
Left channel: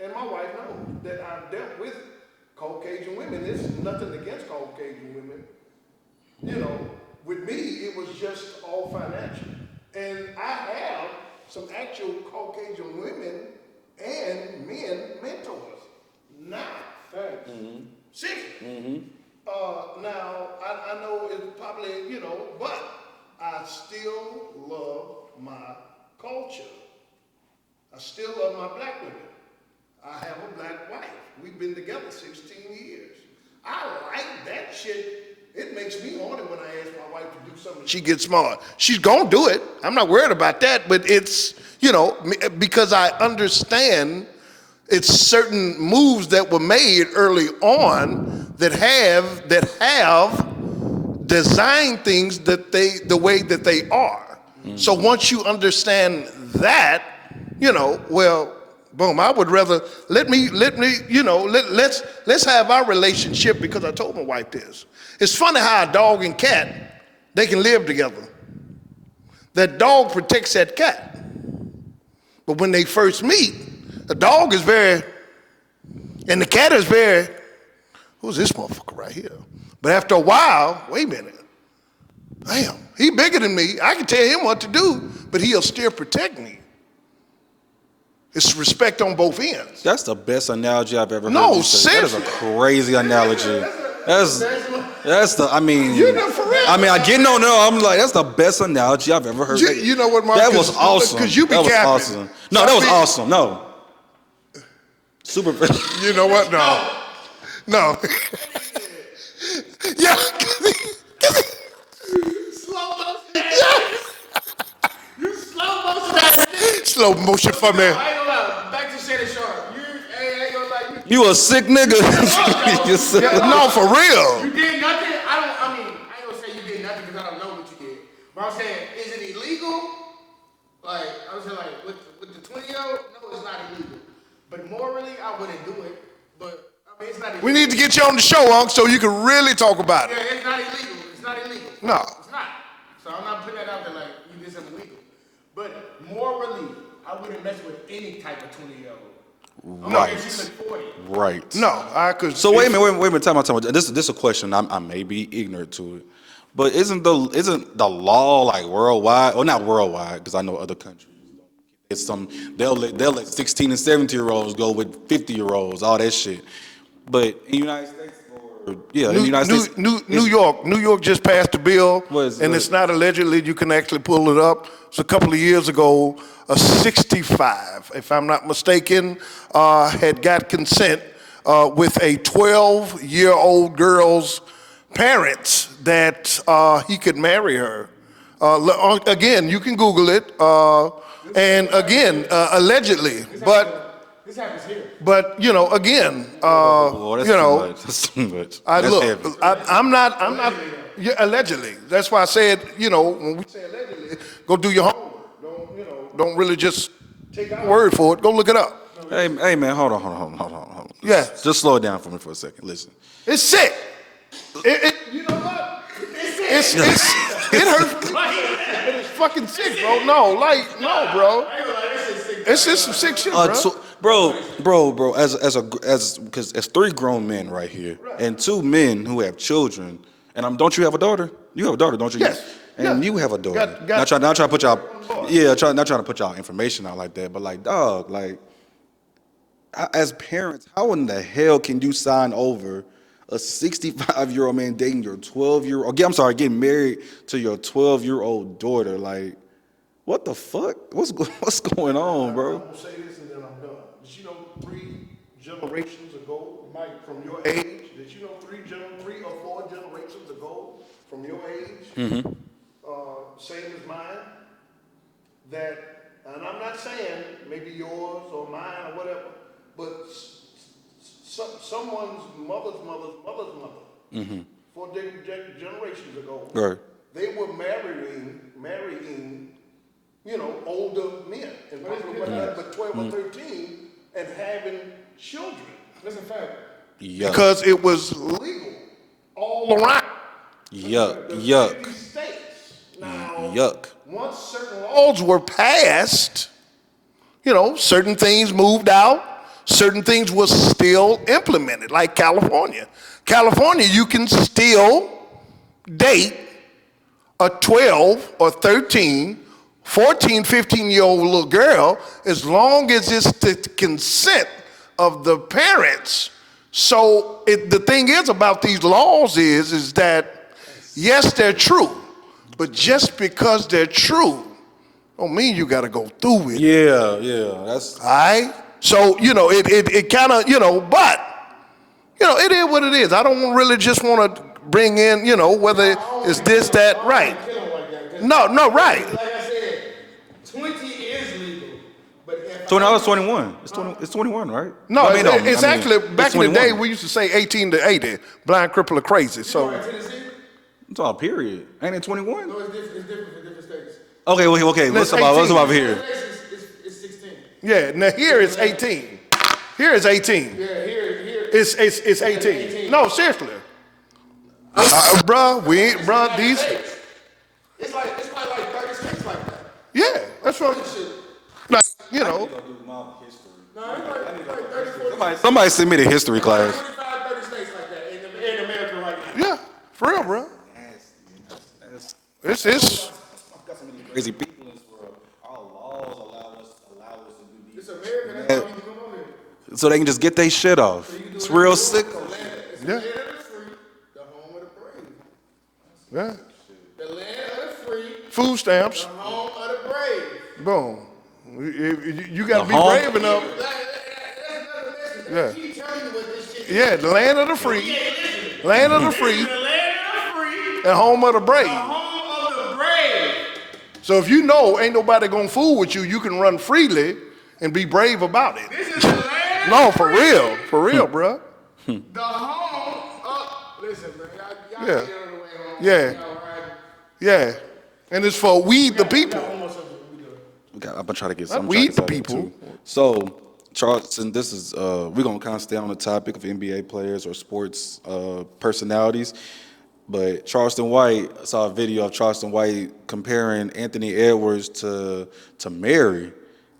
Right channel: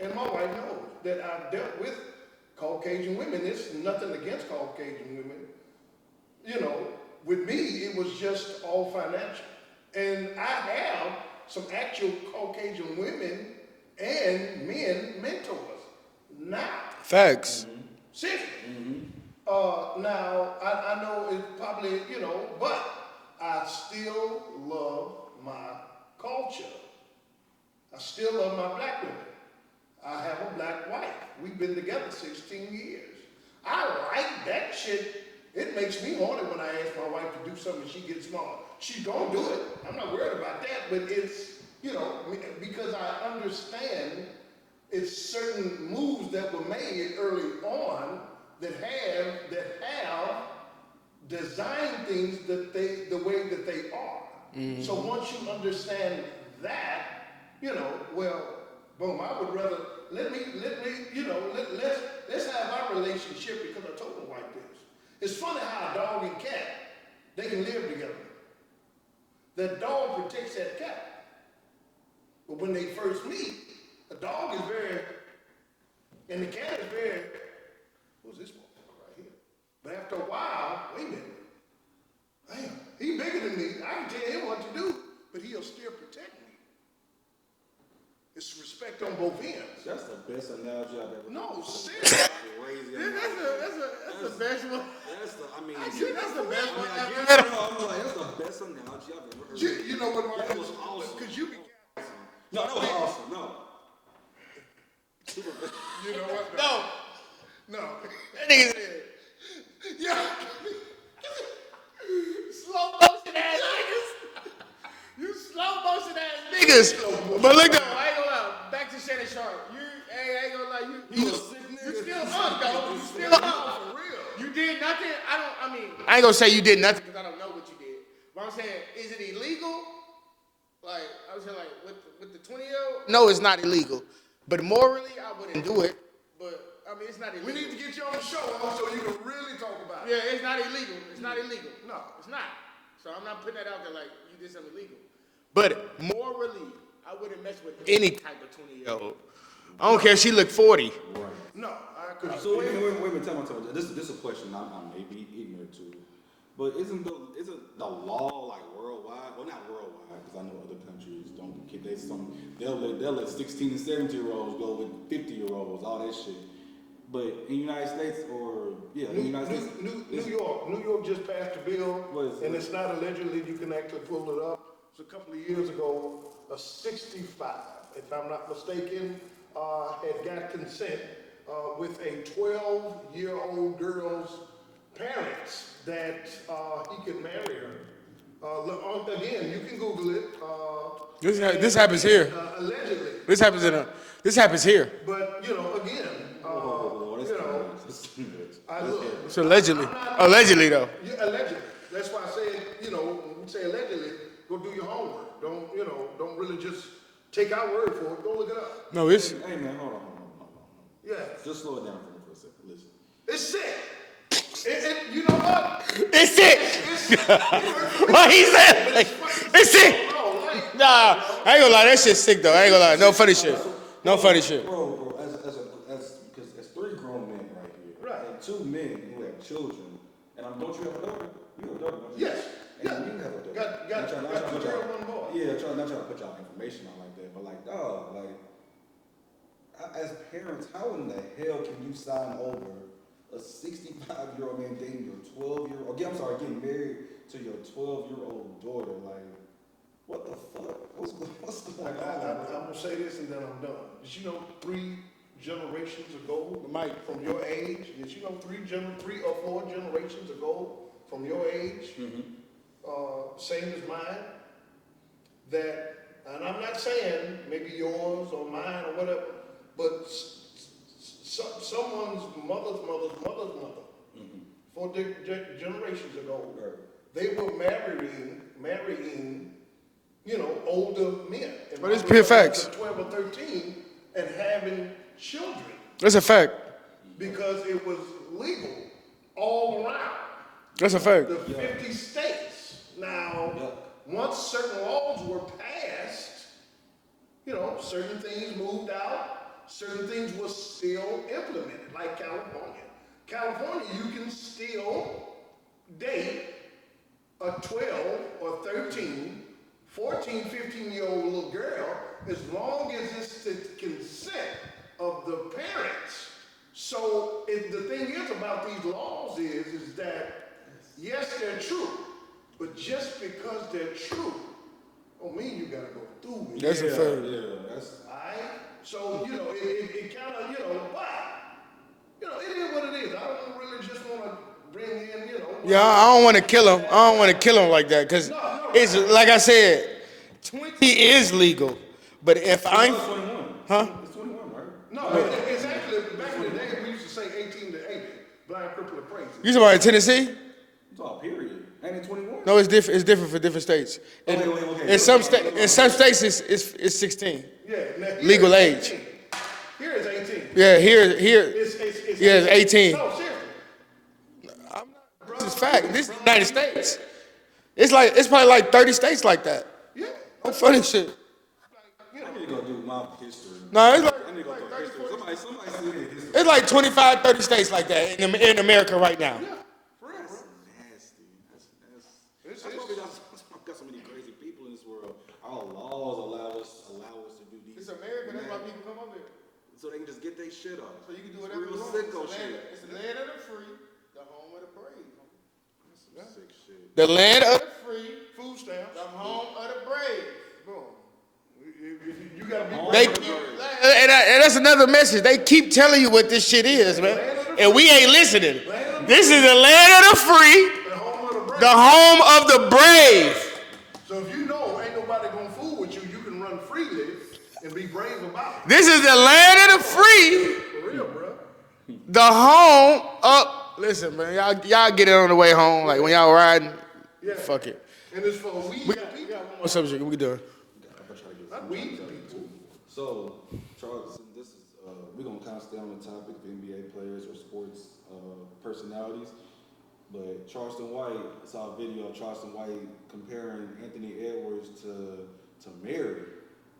and my wife knows that I've dealt with Caucasian women. There's nothing against Caucasian women. With me, it was just all financial, and I have some actual Caucasian women and men mentors now. Facts. Seriously. Now, I know it's probably, but I still love my culture. I still love my black women. I have a black wife. We've been together 16 years. I like that shit. It makes me horny when I ask my wife to do something. She gets smart. She's gonna do it. I'm not worried about that, but it's, because I understand it's certain moves that were made early on that have designed things the way that they are. So once you understand that, boom, I would rather let's have our relationship, because I told my wife this. It's funny how a dog and cat, they can live together. That dog protects that cat. But when they first meet, the dog is and the cat is who's this motherfucker right here? But after a while, wait a minute. Damn, he bigger than me. I can tell him what to do, but he'll still protect me. It's respect on both ends. That's the best analogy I've ever heard. No, you say. That is a seriously. crazy analogy. That's the. I mean. You know, for real. I get no. I'm like, that's the best analogy I've ever heard. You know what, Mark? That was awesome. Because you be that was capping. awesome. No, that was awesome. No. Super. You know what? No. Yeah. Slow motion ass. You slow motion ass nigga. It's slow motion But look, for me. I ain't gonna lie. Back to Shannon Sharpe. I ain't gonna lie. You a sick nigga. You sick. No, for real. You did nothing. I ain't gonna say you did nothing because I don't know what you did. But I'm saying, is it illegal? Like, I was saying, like, with the 20-year-old? No, it's not illegal. But morally, I wouldn't do it. But, I mean, it's not illegal. We need to get you on the show, Unc, so you can really talk about Yeah, it. it's not illegal. It's not illegal. No. It's not. So I'm not putting that out there like you did something illegal. But morally, I wouldn't mess with any type of 20-year-old. I don't care if she looked 40. Right. No, I could. So wait a minute, time out. This is a question. I may be ignorant to it, but isn't the law like worldwide, or not worldwide? Because I know other countries don't. It's they'll let 16 and 17-year-olds go with 50-year-olds, all that shit. But in the United States, in the United States, New York just passed a bill, What and it's not allegedly. You can actually pull it up. It's a couple of years ago. A 65, if I'm not mistaken, had got consent with a 12-year-old girl's parents that he could marry her. Again, you can Google it. This happens here. Allegedly. This happens here. But again, that's too much. I That's look. heavy. I'm not Allegedly, though. Yeah, allegedly. That's why I said, when we say allegedly, go do your homework. Don't really just take our word for it. Go look it up. No, Hey man, hold on. Yeah. Just slow it down for me for a second. Listen. It's sick. You know what? It's sick. It hurts. What he said? It's fucking sick. It's sick. No, Nah, bro. I ain't gonna lie, that shit's sick though. That I ain't gonna lie. shit's No sick, funny bro. shit. Bro, funny shit. bro, as 3 grown men right here, and 2 men who have children, and don't you have a daughter? You have a daughter, don't you? Yes. And you have a daughter. Got- not trying to put y'all, not trying to put y'all information out like that, but like, dog, like, as parents, how in the hell can you sign over a 65-year-old man dating your 12-year-old? I'm sorry, getting married to your 12-year-old daughter? Like, what the fuck? What's going on, bro? I'm gonna say this and then I'm done. Did you know 3 generations ago, Mike, from your age? Did you know 3 or 4 generations ago from your age? Same as mine. That, and I'm not saying maybe yours or mine or whatever, but someone's mother's mother, 4 generations ago, Right. they were marrying, older men. And But it's pure facts. 12 or 13 and having children. That's a fact. Yuck. Because it was legal all around That's a fact. the Yuck. 50 states. Now, Yuck. once certain laws were passed, certain things moved out, certain things were still implemented, like California. California, you can still date a 12 or 13, 14, 15-year-old little girl as long as it's the consent of the parents. So the thing is about these laws is that, yes, they're true, but just because they're true don't mean you got to go through with it. Yeah, that's All right? So, it kind of, but, it is what it is. I don't really just want to bring in, whether I don't want to it's this, kill him. that, I don't right. want to kill him like that. Cause No, right. Like I said, 20 is legal. But if so now I'm... it's 21. It's 21, right? No, I it's actually, back in the 21. day, we used to say 18 to 80, blind, cripple, or crazy. You know in Tennessee? It's all period. Ain't it 21? No, it's different. It's different for different states. Okay. In What's some about states, here? in some states, it's 16. Yeah, now here Legal it's age. 18. Here is 18. Yeah, here It's 18. it's 18. No, seriously. Bro, This is bro, United these, States. It's probably like 30 states like that. yeah, that's funny funny. shit. Like, Go do my history. No, it's like Somebody send me the history it's like class. 25, 30 states like that in America right now. yeah, for real, bro. It's Got so many crazy people in this world. Our laws allow us to do these. It's America. That's why you come on here. So they can just get their shit off. It's real sick. It's the land of the free, the home of the brave. yeah. The land of the free, Food stamps, the home of the brave. boom. You got to The be home- brave enough. And that's another message. They keep telling you what this shit is. Yeah, the man. land of the And free. we ain't listening. Land of the This free. is the land of the free, And home of the brave. the home of the brave. So if you know ain't nobody gonna fool with you, you can run freely and be brave about it. This is the land of the No, free. for real, bro. The home of. Listen, man, y'all Yeah. get it on the way home. Like Yeah. when y'all riding. Yeah. Fuck it. And it's for we the people. One more subject. We can do it. I'm gonna try to get Not some. we the people. So, Charleston, this is we're gonna kind of stay on the topic of NBA players or sports personalities. But Charleston White, I saw a video of Charleston White comparing Anthony Edwards to Mary,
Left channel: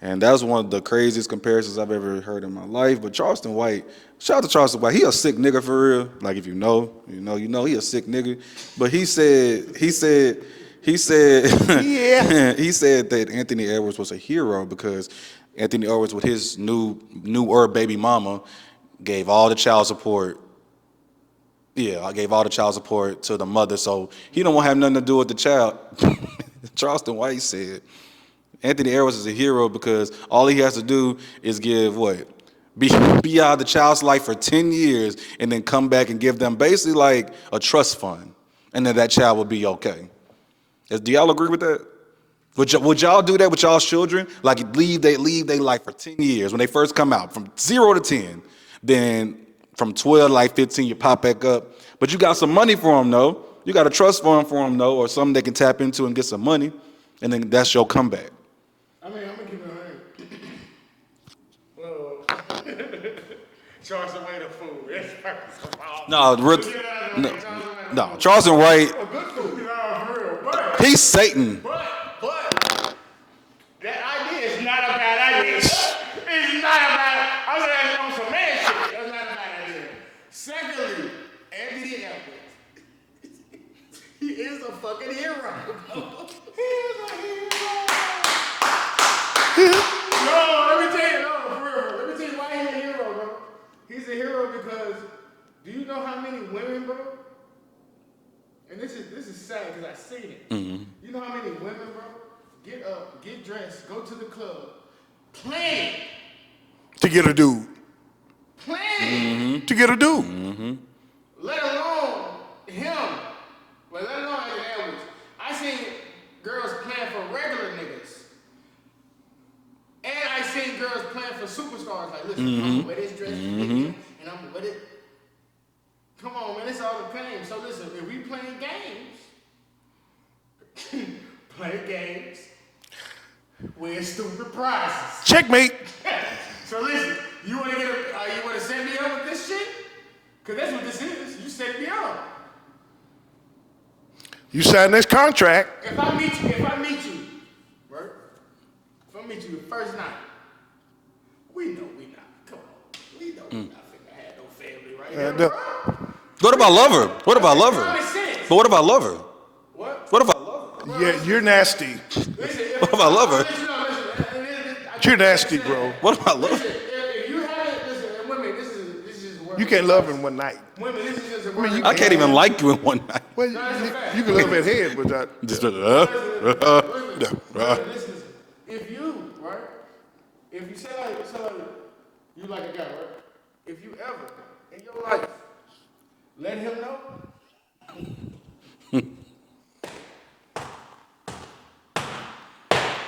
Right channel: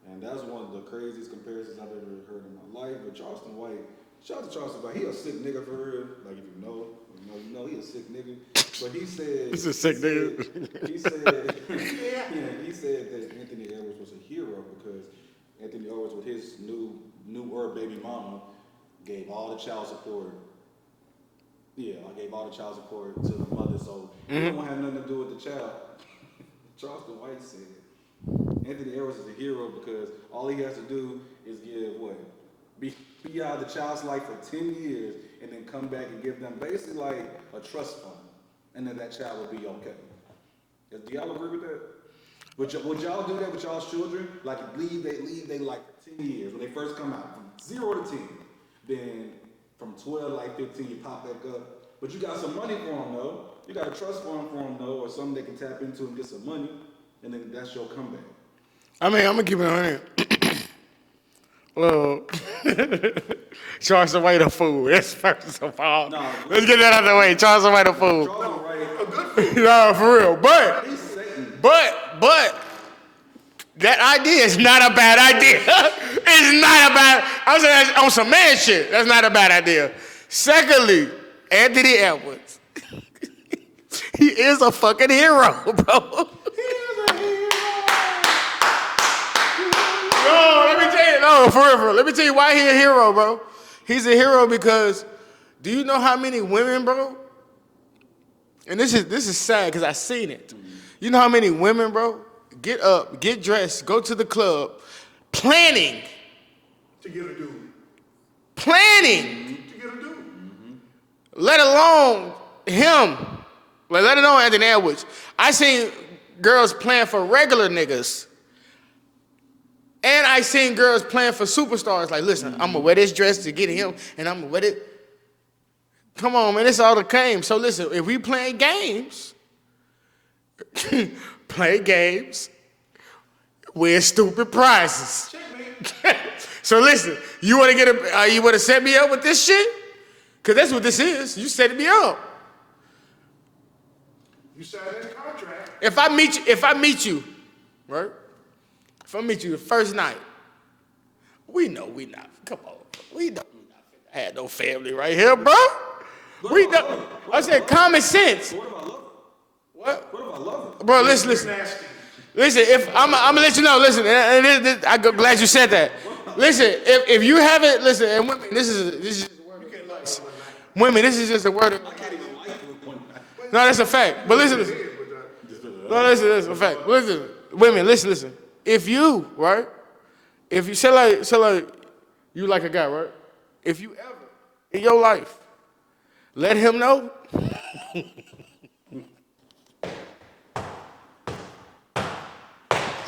and that was one of the craziest comparisons I've ever heard in my life. But Charleston White, shout out to Charleston White, he a sick nigga for real. Like if you know, he a sick nigga. But he said he said that Anthony Edwards was a hero because Anthony Edwards with his new baby mama gave all the child support. Yeah, I gave all the child support to the mother, so he don't want to have nothing to do with the child. Charleston White said Anthony Edwards is a hero because all he has to do is give what? Be out of the child's life for 10 years and then come back and give them basically like a trust fund, and then that child will be okay. Do y'all agree with that? Would y'all do that with y'all's children? Like leave their life for 10 years when they first come out, from 0 to 10. Then from 12 to like 15, you pop back up. But you got some money for them, though. You got a trust fund for them, though, or something they can tap into and get some money. And then that's your comeback. I mean, I'm gonna keep it on here. Well, Charleston White a fool. That's first of all. No, let's get that out of the way. Charleston White a fool. Charleston White, No, for real. But he's Satan. that idea is not a bad idea. It's not a bad. I was saying on some man shit. That's not a bad idea. Secondly, Anthony Edwards. He is a fucking hero, bro. He is a hero. Yo, let me tell you, no, for real. Let me tell you why he a hero, bro. He's a hero because do you know how many women, bro? And this is sad because I seen it. Mm-hmm. You know how many women, bro, get up, get dressed, go to the club, planning to get a dude. Planning to get a dude. Mm-hmm. Let alone him. Like, let alone Anthony Edwards. I seen girls playing for regular niggas. And I seen girls playing for superstars. Like, listen, I'm going to wear this dress to get him, and I'm going to wear it. Come on, man, it's all the game. So listen, if we playing games, play games, win stupid prizes. Checkmate. So listen, you want to set me up with this shit? Cause that's what this is. You setting me up. You sign this contract. If I meet you, right? If I meet you the first night, we know we not. Come on, we know we not finna have no family right here, bro. What about lover? What about lover? Common sense. But what about lover? What about lover? Bro, listen. You're nasty. Listen, I'm gonna let you know. Listen, I'm glad you said that. What about listen, if you haven't, listen, and women, this is you can't love in one night. Women, this is just a word. I can't even like you in one night. No, that's a fact. You But can listen, head with that. listen, women, listen. If you, right? If you say like you like a guy, right? If you ever in your life let him know.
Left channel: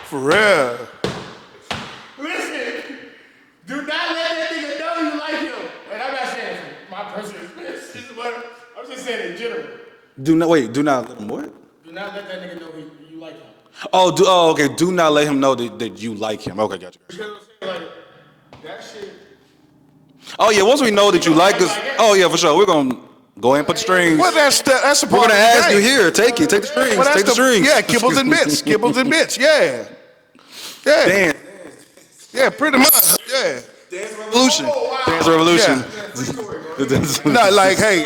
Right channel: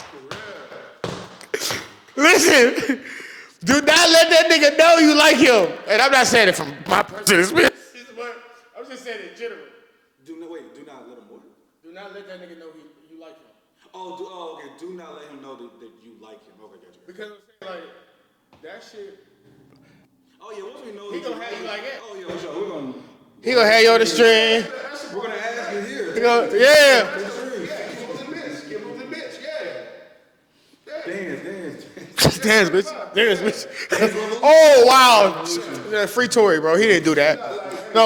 For real. Listen, do not let that nigga know you like him. And I'm not saying it from my personal experience. I'm just saying it in general. Do not let him what? Do not let that nigga know you like him. Okay. Do not let him know that you like him. Okay, gotcha. Because I'm saying, like, that shit. Oh yeah, once we know that you like us, oh yeah, for sure. We're gonna go ahead and put strings. Well, that's a part We're gonna of the ask you game. here. Take it. Take the strings. Well, Take the strings. Yeah, kibbles and bits. Kibbles and bits. Yeah. Dance. Yeah, pretty much. Yeah. Oh, wow. Dance revolution. Yeah, free Tory, bro. He didn't do that. Not like, hey,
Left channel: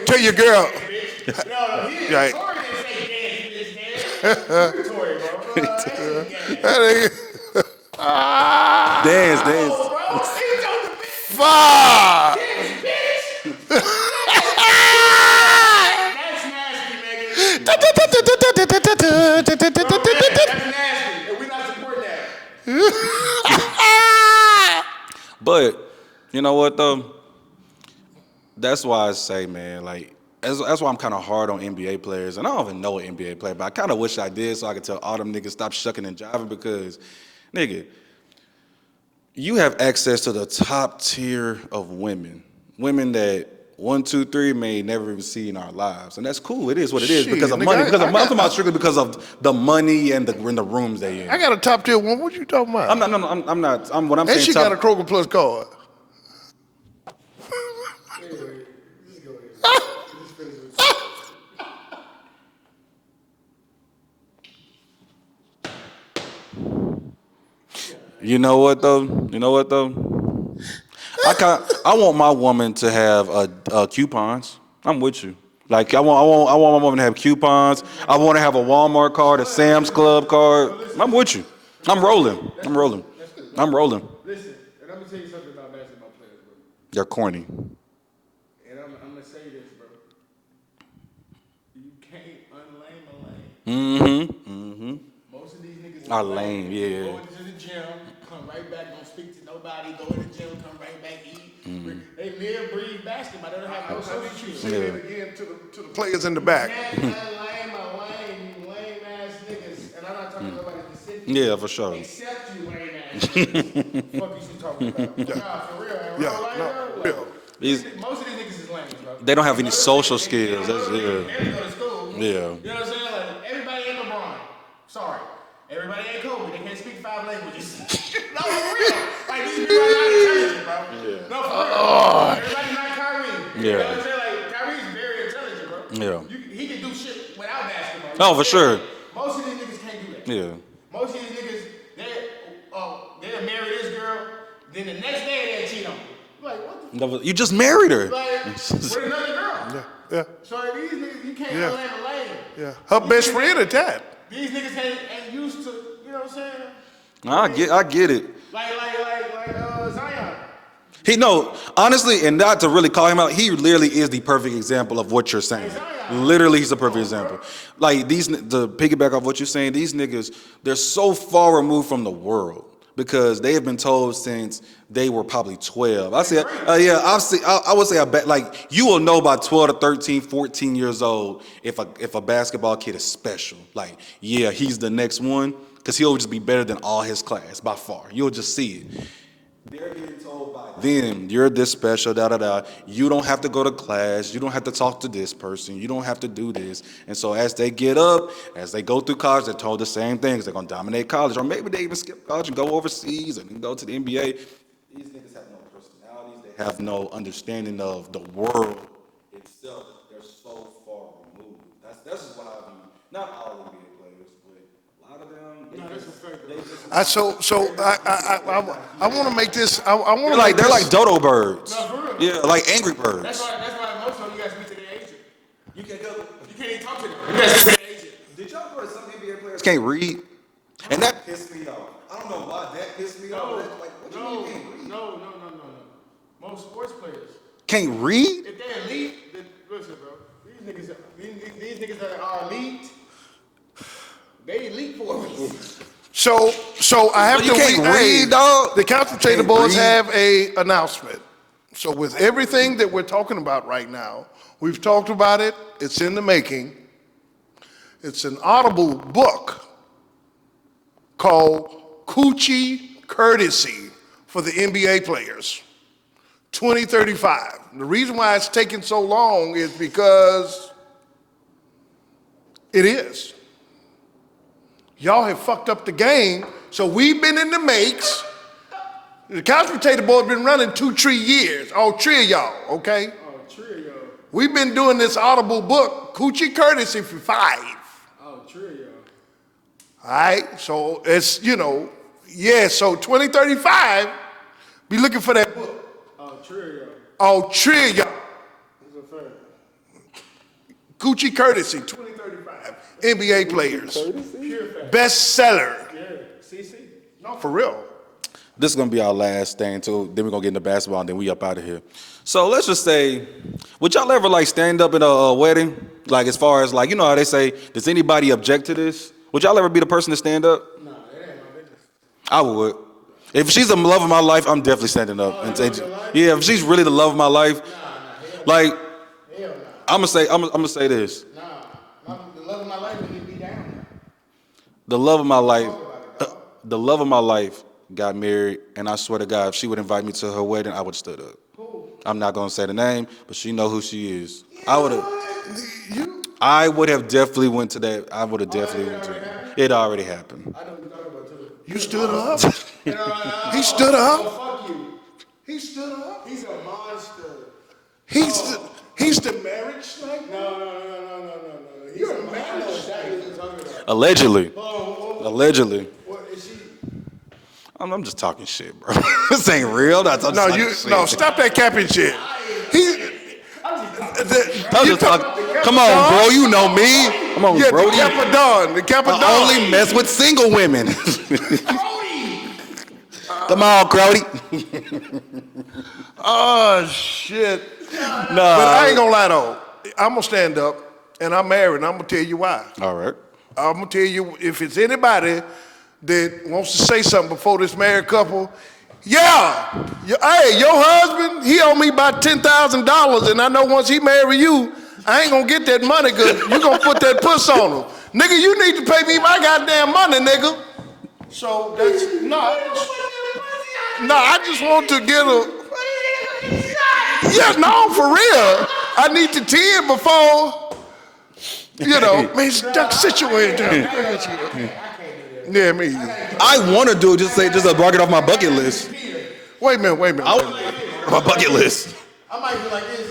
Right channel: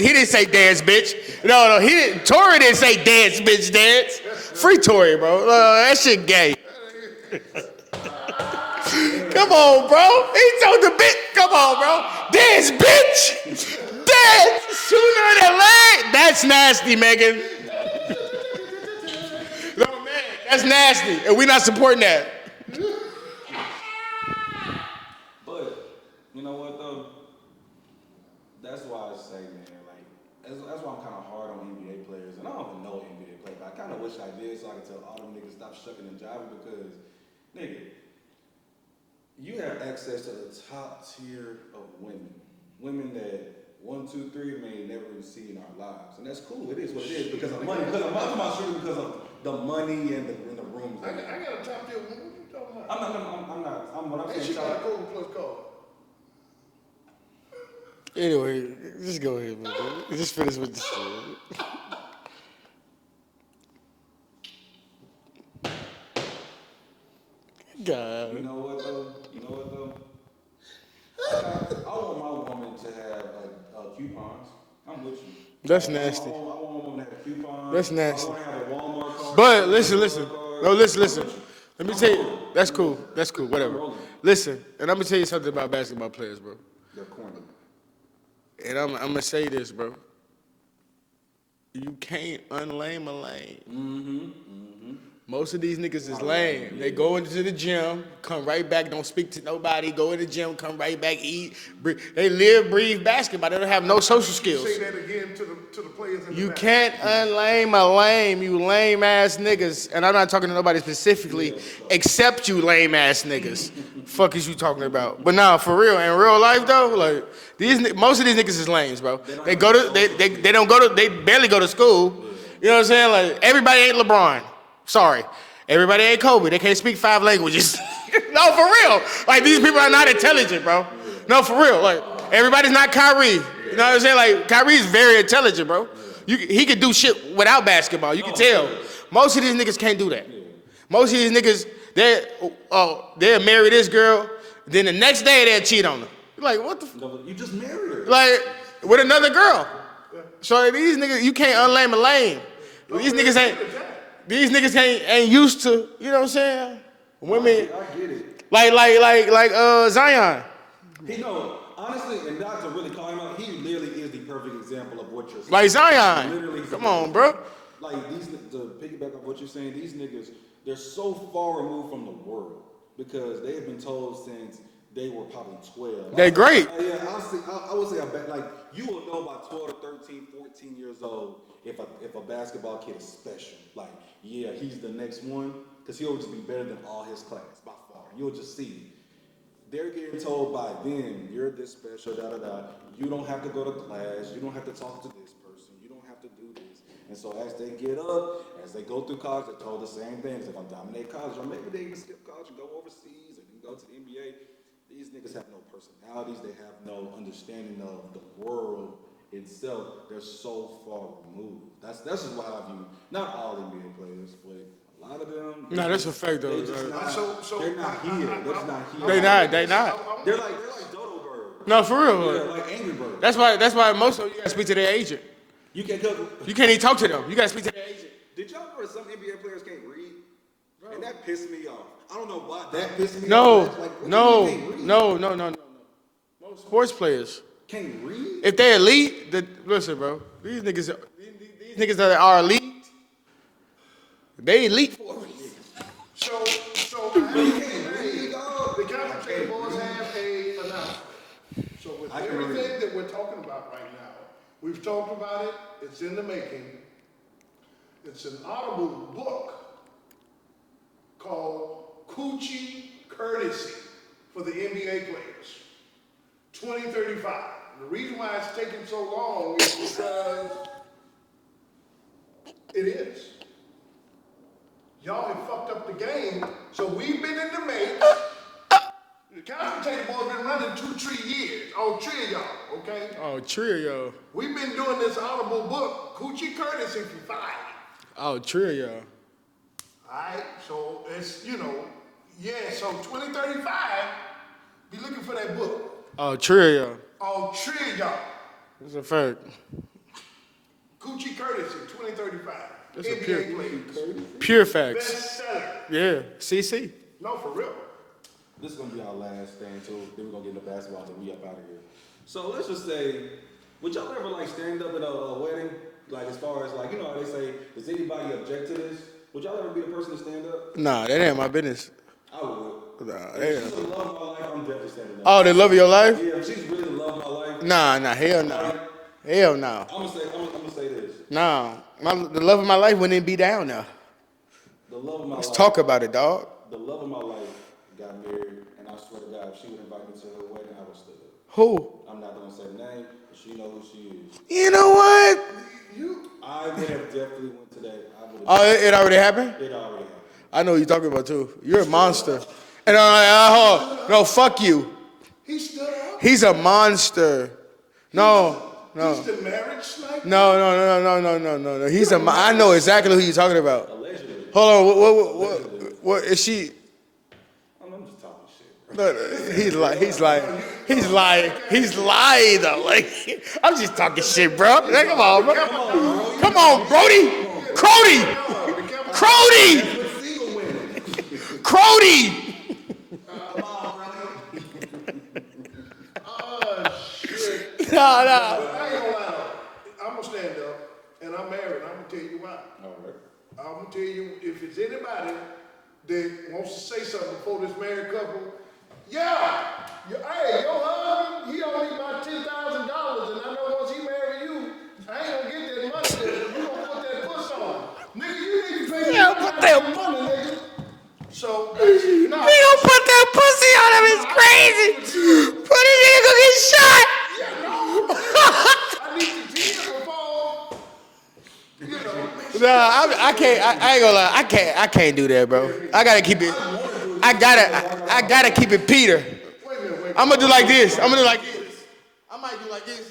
he didn't say dance, bitch. No, he didn't. Right. Tory didn't say dance, bitch, dance. Free Tory, bro. That shit gay. Come on, bro. He told the bitch. Come on, bro. Dance, bitch. Dance. That's nasty, Megan. That's nasty, and we're not supporting that. But you know what though? That's why I say, man, like that's why I'm kind of hard on NBA players, and I don't even know an NBA player, but I kind of wish I did so I could tell all them niggas stop shucking and jiving because, nigga, you have access to the top tier of women that 1, 2, 3 may never even see in our lives, and that's cool. It is what it is because of money. I'm talking about strictly because of the money and in the rooms they in. I got a top tier one. What you talking about? I'm not. What I'm And saying. she got a Kroger Plus card. Anyway, just go ahead, man. Just finish with this. God. You know what though? I want my woman to have coupons. I'm with you. That's like I want my woman to have coupons. I want to have a Walmart card, a Sam's Club card. No, listen. I'm with you. I'm rolling. That's I'm cool. rolling. That's cool. I'm rolling. Listen, and I'm gonna tell you something about basketball players, bro. They're corny. And I'm gonna say this, bro. You can't unlame a lane. Mm-hmm. Most of these niggas is Are lame. lame, yeah. They go into the gym, come right back, don't speak to nobody, go in the gym, come right back, eat. They live, breathe basketball. They don't have no social skills. Say that again to the players in the You back. can't unlame a lame, you lame ass niggas. And I'm not talking to nobody specifically. Yeah, for sure. Except you lame ass niggas. Fuck is you talking about? But nah, for real, in real life though, like most of these niggas is lames, bro. They don't have go any to- social they, skills. They don't go to. Yeah. They barely go to school. Yeah. You know what I'm saying? Like everybody ain't LeBron. Sorry. Everybody ain't Kobe. They can't speak 5 languages. No, for real. Like, these people are not intelligent, bro. No, for real. Like, everybody's not Kyrie. Yeah. You know what I'm saying? Like, Kyrie's very intelligent, bro. Yeah. He could do shit without basketball. You No, can for tell. sure. Most of these niggas can't do that. Yeah. Most of these niggas, they'll marry this girl, then the next day they'll cheat on her. You're like, what the f? You just married her. Like, with another girl. Yeah. So these niggas, you can't unlame a lane. Yeah. Her These best niggas friend at that. These niggas ain't used to, you know what I'm saying? No, I get it. Like Zion. Honestly, and not to really call him out, he literally is the perfect example of what you're saying. Like Zion. Literally, he's the Come perfect on, bro. example. Like to piggyback off what you're saying, these niggas, they're so far removed from the world because they have been told since they were probably 12. They're great. I would say I bet like you will know by 12 to 13, 14 years old if a basketball kid is special. Like, yeah, he's the next one because he'll just be better than all his class by far. You'll just see it. They're getting told by them, you're this special, You don't have to go to class. You don't have to talk to this person. You don't have to do this. And so as they get up, as they go through college, they're told the same things. They're going to dominate college. Or maybe they even skip college and go overseas and then go to the NBA. These niggas have no personalities. They have no understanding of the world itself. They're so far removed. That's just why I view, not all NBA players, but a lot of them. No, that's a fact though. I want to make this. They're like dodo birds. No, for real. Yeah, like angry birds. That's why most of them you gotta speak to their agent. You can't cover. You can't even talk to them. You gotta speak to their agent. Did y'all know that some NBA players can't read? And that pissed me off. I don't know why that pissed me off. No. Most sports players can't read? if they elite, listen, bro. These niggas that are elite, they elite for a reason. So I have You to can't read, dog. The consultative Can't boards read. have a announcement. So with everything that we're talking about right now, we've talked about it. It's in the making. It's an audible book called Coochie Courtesy for the NBA players, 2035. The reason why it's taking so long is because it is. Y'all have fucked up the game, so we've been in the makes. The consultative board been running 2-3 years. All three of y'all, okay? Oh, trio. We've been doing this audible book, Coochie Courtesy, for 5. Oh, trio. All right, so it's, so 2035, be looking for that book. Oh, trio. All three of y'all. That's a fact. Coochie Courtesy, 2035, NBA players. Pure fact. Bestseller. Yeah. CC. No, for real. This is going to be our last thing, too. Then we're going to get into basketball, and then we up out of here. So let's just say, would y'all ever, stand up in a wedding? Like, as far as, you know how they say, does anybody object to this? Would y'all ever be the person to stand up? Nah, that ain't my business. I would. If she's the love of my life, I'm definitely standing up. Oh, the love of your life? Yeah, if she's really the love of my life. Nah, hell no. Hell no. I'm gonna say this. Nah, the love of my life wouldn't be down now. The love of my life. Talk about it, dog. The love of my life got married, and I swear to God, if she would invite me to her wedding, I would have stood up. Who? I'm not gonna say the name, but she know who she is. You know what? I would have definitely went to that. I would have. Oh, it already happened? It already happened. I know who you're talking about too. You're a stood monster. up? And He stood up? No, fuck you. He stood up. He's a monster. He's the marriage sniper. No. He's I know exactly who you're talking about. Allegedly. Hold on. Allegedly. What is she? I'm just talking shit, bro. This ain't real. Stop that capping shit. He's lying though. I'm just talking shit, bro. Come on, bro. You know me. Come on, Yeah, bro. Crody done. The Crody. That's with single women. Crody. Come on, Crody. Oh shit. No. But I ain't gonna lie though. I'm gonna stand up, and I'm married, and I'm gonna tell you why. All right. I'm gonna tell you, if it's anybody that wants to say something before this married couple, hey, your husband, he owe me about $10,000, and I know once he marry you, I ain't gonna get that money because you gonna put that puss on him. Nigga, you need to pay me my goddamn money, nigga. So, that's, We gonna put that pussy on him. No, I just want to get a... Put a nigga gonna get shot. Yeah, no, for real. I need to 10 before, man, that's the situation. I ain't gonna lie. I can't do that, bro. Yeah, me. I gotta keep it. I want to do it. Just block it off my bucket I gotta keep list. it Peter. Wait a minute. I'm gonna do like this. I'm My gonna bucket list. I might do like this.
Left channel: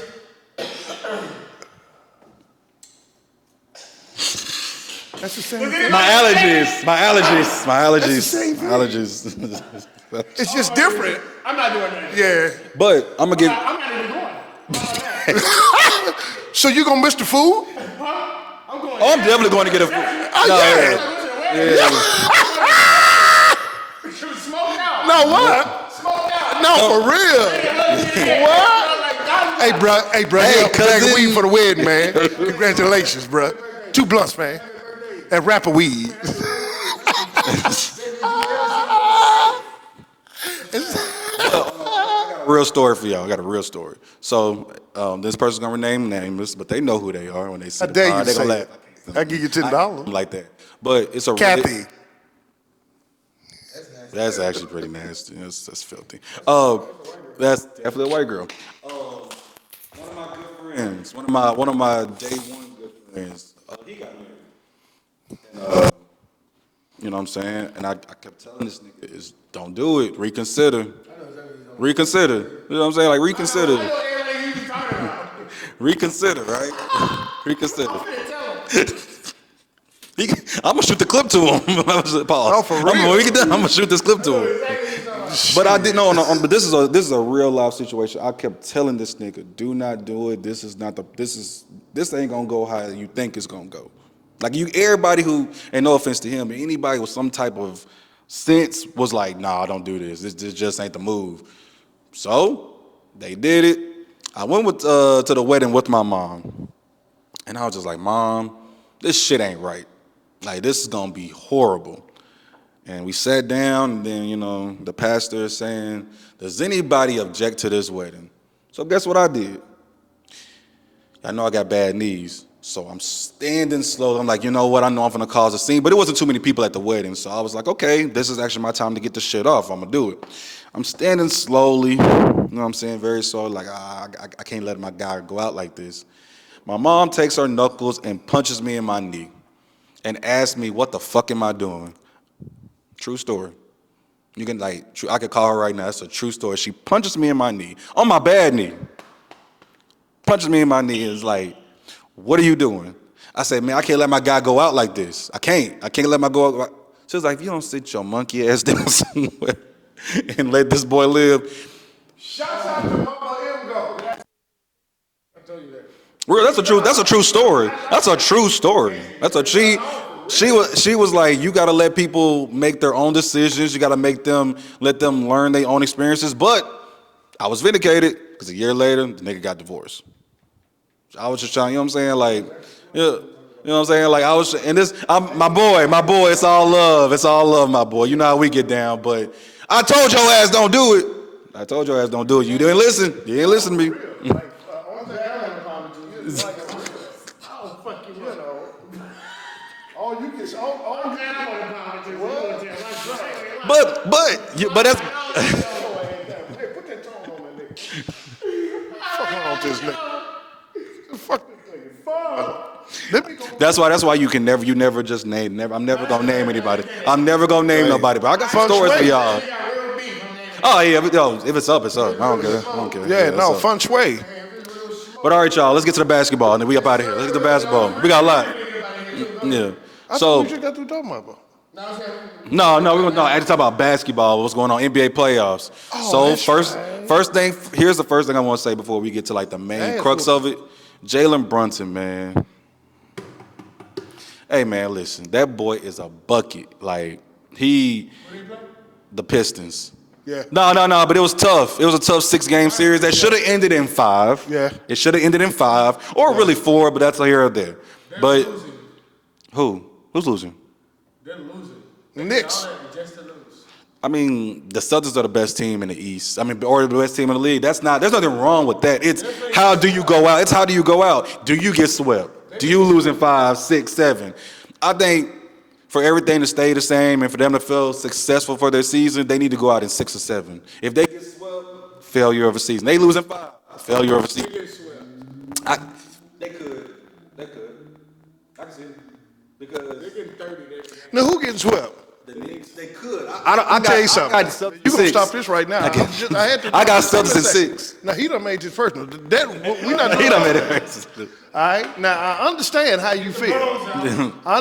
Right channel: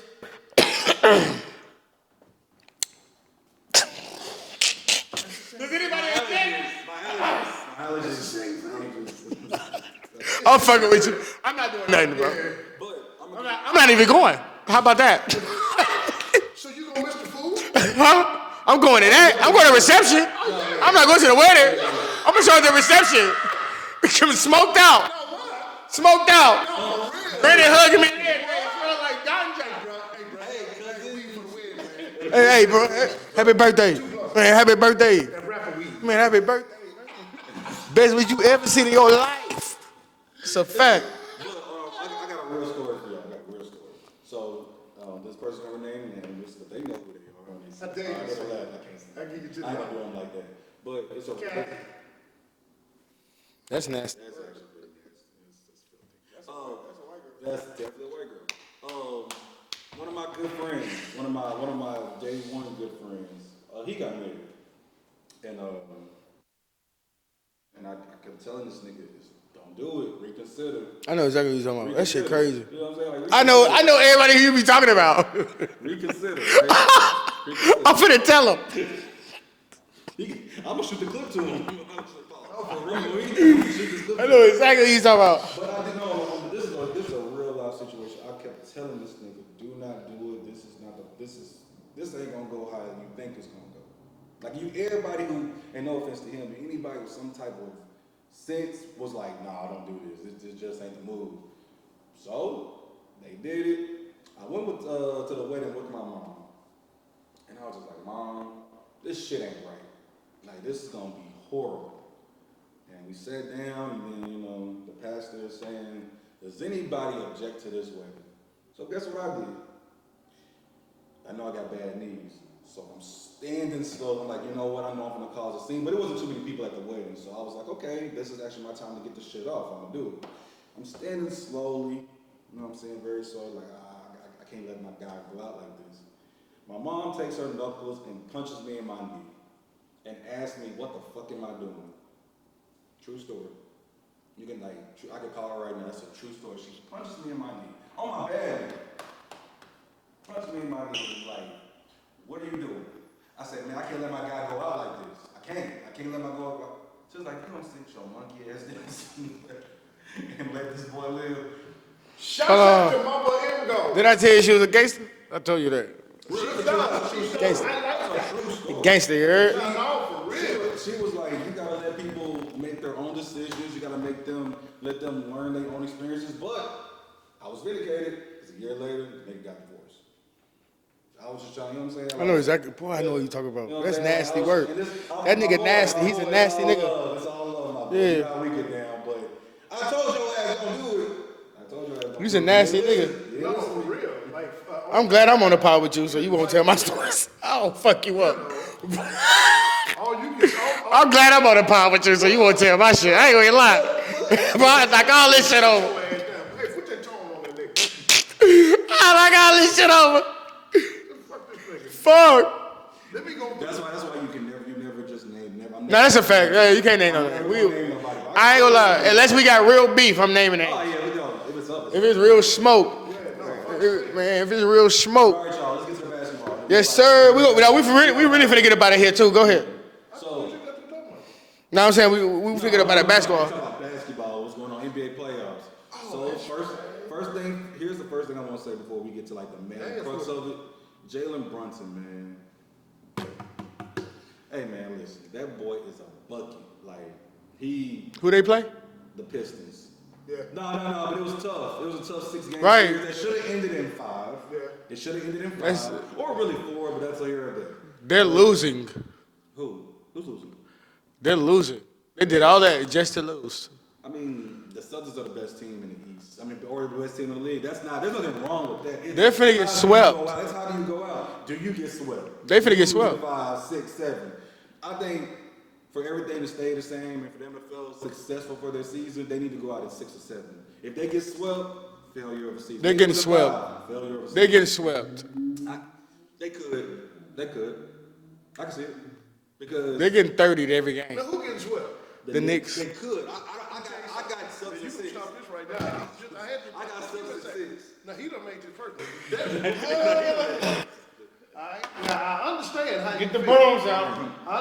That's the same thing. My allergies. It's I'm just fucking with different. you. I'm not doing nothing. Yeah. But I'm gonna give. I'm not even going. How about that? So you gonna miss the food? Huh? I'm going Oh, in. yeah, I'm going to get a- reception. No, yeah. I'm not going to the wedding. I'm just going to the reception. Smoked out. No, what? Smoked out. No, for real. Brandon hugging me. What? Hey, bro. Hey, Hey, bag of cousin. weed for the wedding, man. Congratulations, bro. Happy birthday. 2 blunts, man. Happy birthday. And rapper weed. Man, happy birthday. Best week you ever seen in your life. It's a fact. Real story for y'all. I got a real story. So this person's gonna rename nameless, but they know who they are when they see I dare you they say gonna it. laugh. I give you $10. Like that. But it's a Kathy. That's nasty. That's actually pretty nasty. That's filthy. That's definitely a white girl. One of my good friends, one of my day one good friends, he got married. And you know what I'm saying? And I kept telling this nigga is don't do it. Reconsider. I know exactly what you're talking about. Reconsider. That shit You crazy. know what I'm saying? Like reconsider. I know everybody who you be talking about. Reconsider, right? Reconsider. I'm finna tell him. I'm gonna shoot the clip to him. Pause. Oh, for real? When we get done, I'm gonna shoot this clip I to know him. exactly what you're talking about. But I didn't know. But this is a real life situation. I kept telling this nigga, do not do it. This ain't gonna go how you think it's gonna go. Like everybody who, and no offense to him, but anybody with some type of sense was like, nah, don't do this. This just ain't the move. So they did it. I went to the wedding with my mom, and I was just like, Mom, this shit ain't right. Like, this is gonna be horrible. And we sat down, and then, the pastor is saying, does anybody object to this wedding? So guess what I did? I know I got bad knees, so I'm standing slow. I'm like, you know what? I know I'm gonna cause a scene, but it wasn't too many people at the wedding, so I was like, okay, this is actually my time to get this shit off. I'm gonna do it. I'm standing slowly, you know what I'm saying? Very slowly, like, I can't let my guy go out like this. My mom takes her knuckles and punches me in my knee and asks me, what the fuck am I doing? True story. You can I could call her right now. That's a true story. She punches me in my knee, on my bad knee. Punches me in my knee and is like, what are you doing? I said, man, I can't let my guy go out like this. I can't let my go out. She was like, if you don't sit your monkey ass down somewhere and let this boy live. Shout out to Mama Emgo. Did I tell you she was a gangster? I told you that. Real, that's a true story. That's a true story. Gangster, you That's heard? she was like, you gotta let people make their own decisions. You gotta let them learn their own experiences. But I was vindicated because a year later, the nigga got divorced. I was just trying, you know what I'm saying? Like, exactly. Boy, I know what you're talking about. You know what I'm That's saying? Like, I was, nasty work. and this, That my nigga nasty. boy, He it's all nasty nigga. love. It's all love, my boy. Yeah. You know how we get down, but I told your ass don't do it. I told your ass don't do it. a You didn't nasty listen. You didn't listen to me. I'm glad I'm on the pod with you, so you won't tell my stories. I'll fuck you up. I'm glad I'm on the pod with you, so you won't tell my shit. I ain't gonna lie. But I that's- like all this shit over. Hey, put that tone on that nigga. I like all this shit over. Fuck this nigga. Fuck. Let me go. That's why you never just name. I'm never That's gonna a fact. name Yeah, anybody. you can't name I'm never nobody. gonna name nobody. But I I can ain't tell gonna stories lie. for y'all. Unless we got real beef, I'm naming it. Oh yeah, if it's up, it's up. it's I don't real care. smoke. Okay, Yeah, it's no, up. fun sway. Man, if it's real smoke. But all right, y'all, let's get to the basketball, and then we Yes, up out of here. sir. Let's We get to the really basketball. We got a lot. finna get up out of here, too. Go ahead. Yeah. So What you got to talk about, bro? No, I'm saying we no, finna get up out of I basketball. had to talk about basketball. What's going on? NBA playoffs. that's First thing. Here's the first thing I want to say before we get to like the main crux of it. Jalen Brunson, man. Hey man, listen, that boy is a bucket. Like Who they play? the Pistons. Yeah. No, but it was tough. It was a tough 6-game Right. series that should have ended in 5. Yeah. It should have ended in 5, or really 4, but that's here or there. They're But losing. Who? Who's losing? They're losing. They The did all Knicks. that just to lose. I mean, the Celtics are the best team in the East. I mean, or the best team in the league. There's nothing wrong with that. It's They're finna how get do you swept. go out? It's how do you go out? Do you get swept? They Do finna you get lose in swept. 5, 6, 7? I think for everything to stay the same and for them to feel successful for their season, they need to go out in 6 or 7. If they get swept, failure of a season. They They lose in getting 5, swept. failure of a They're season. getting swept. They could. I can see it. Because They're getting 30 to every game. Now, who getting swept? The Knicks. they could. I'll tell you something. I got Celtics You gonna in 6. stop this right now? I had to. I got Let me Celtics in say. 6. Now he done made his first one. That we not. He done made it. All right. Now I understand how you feel. I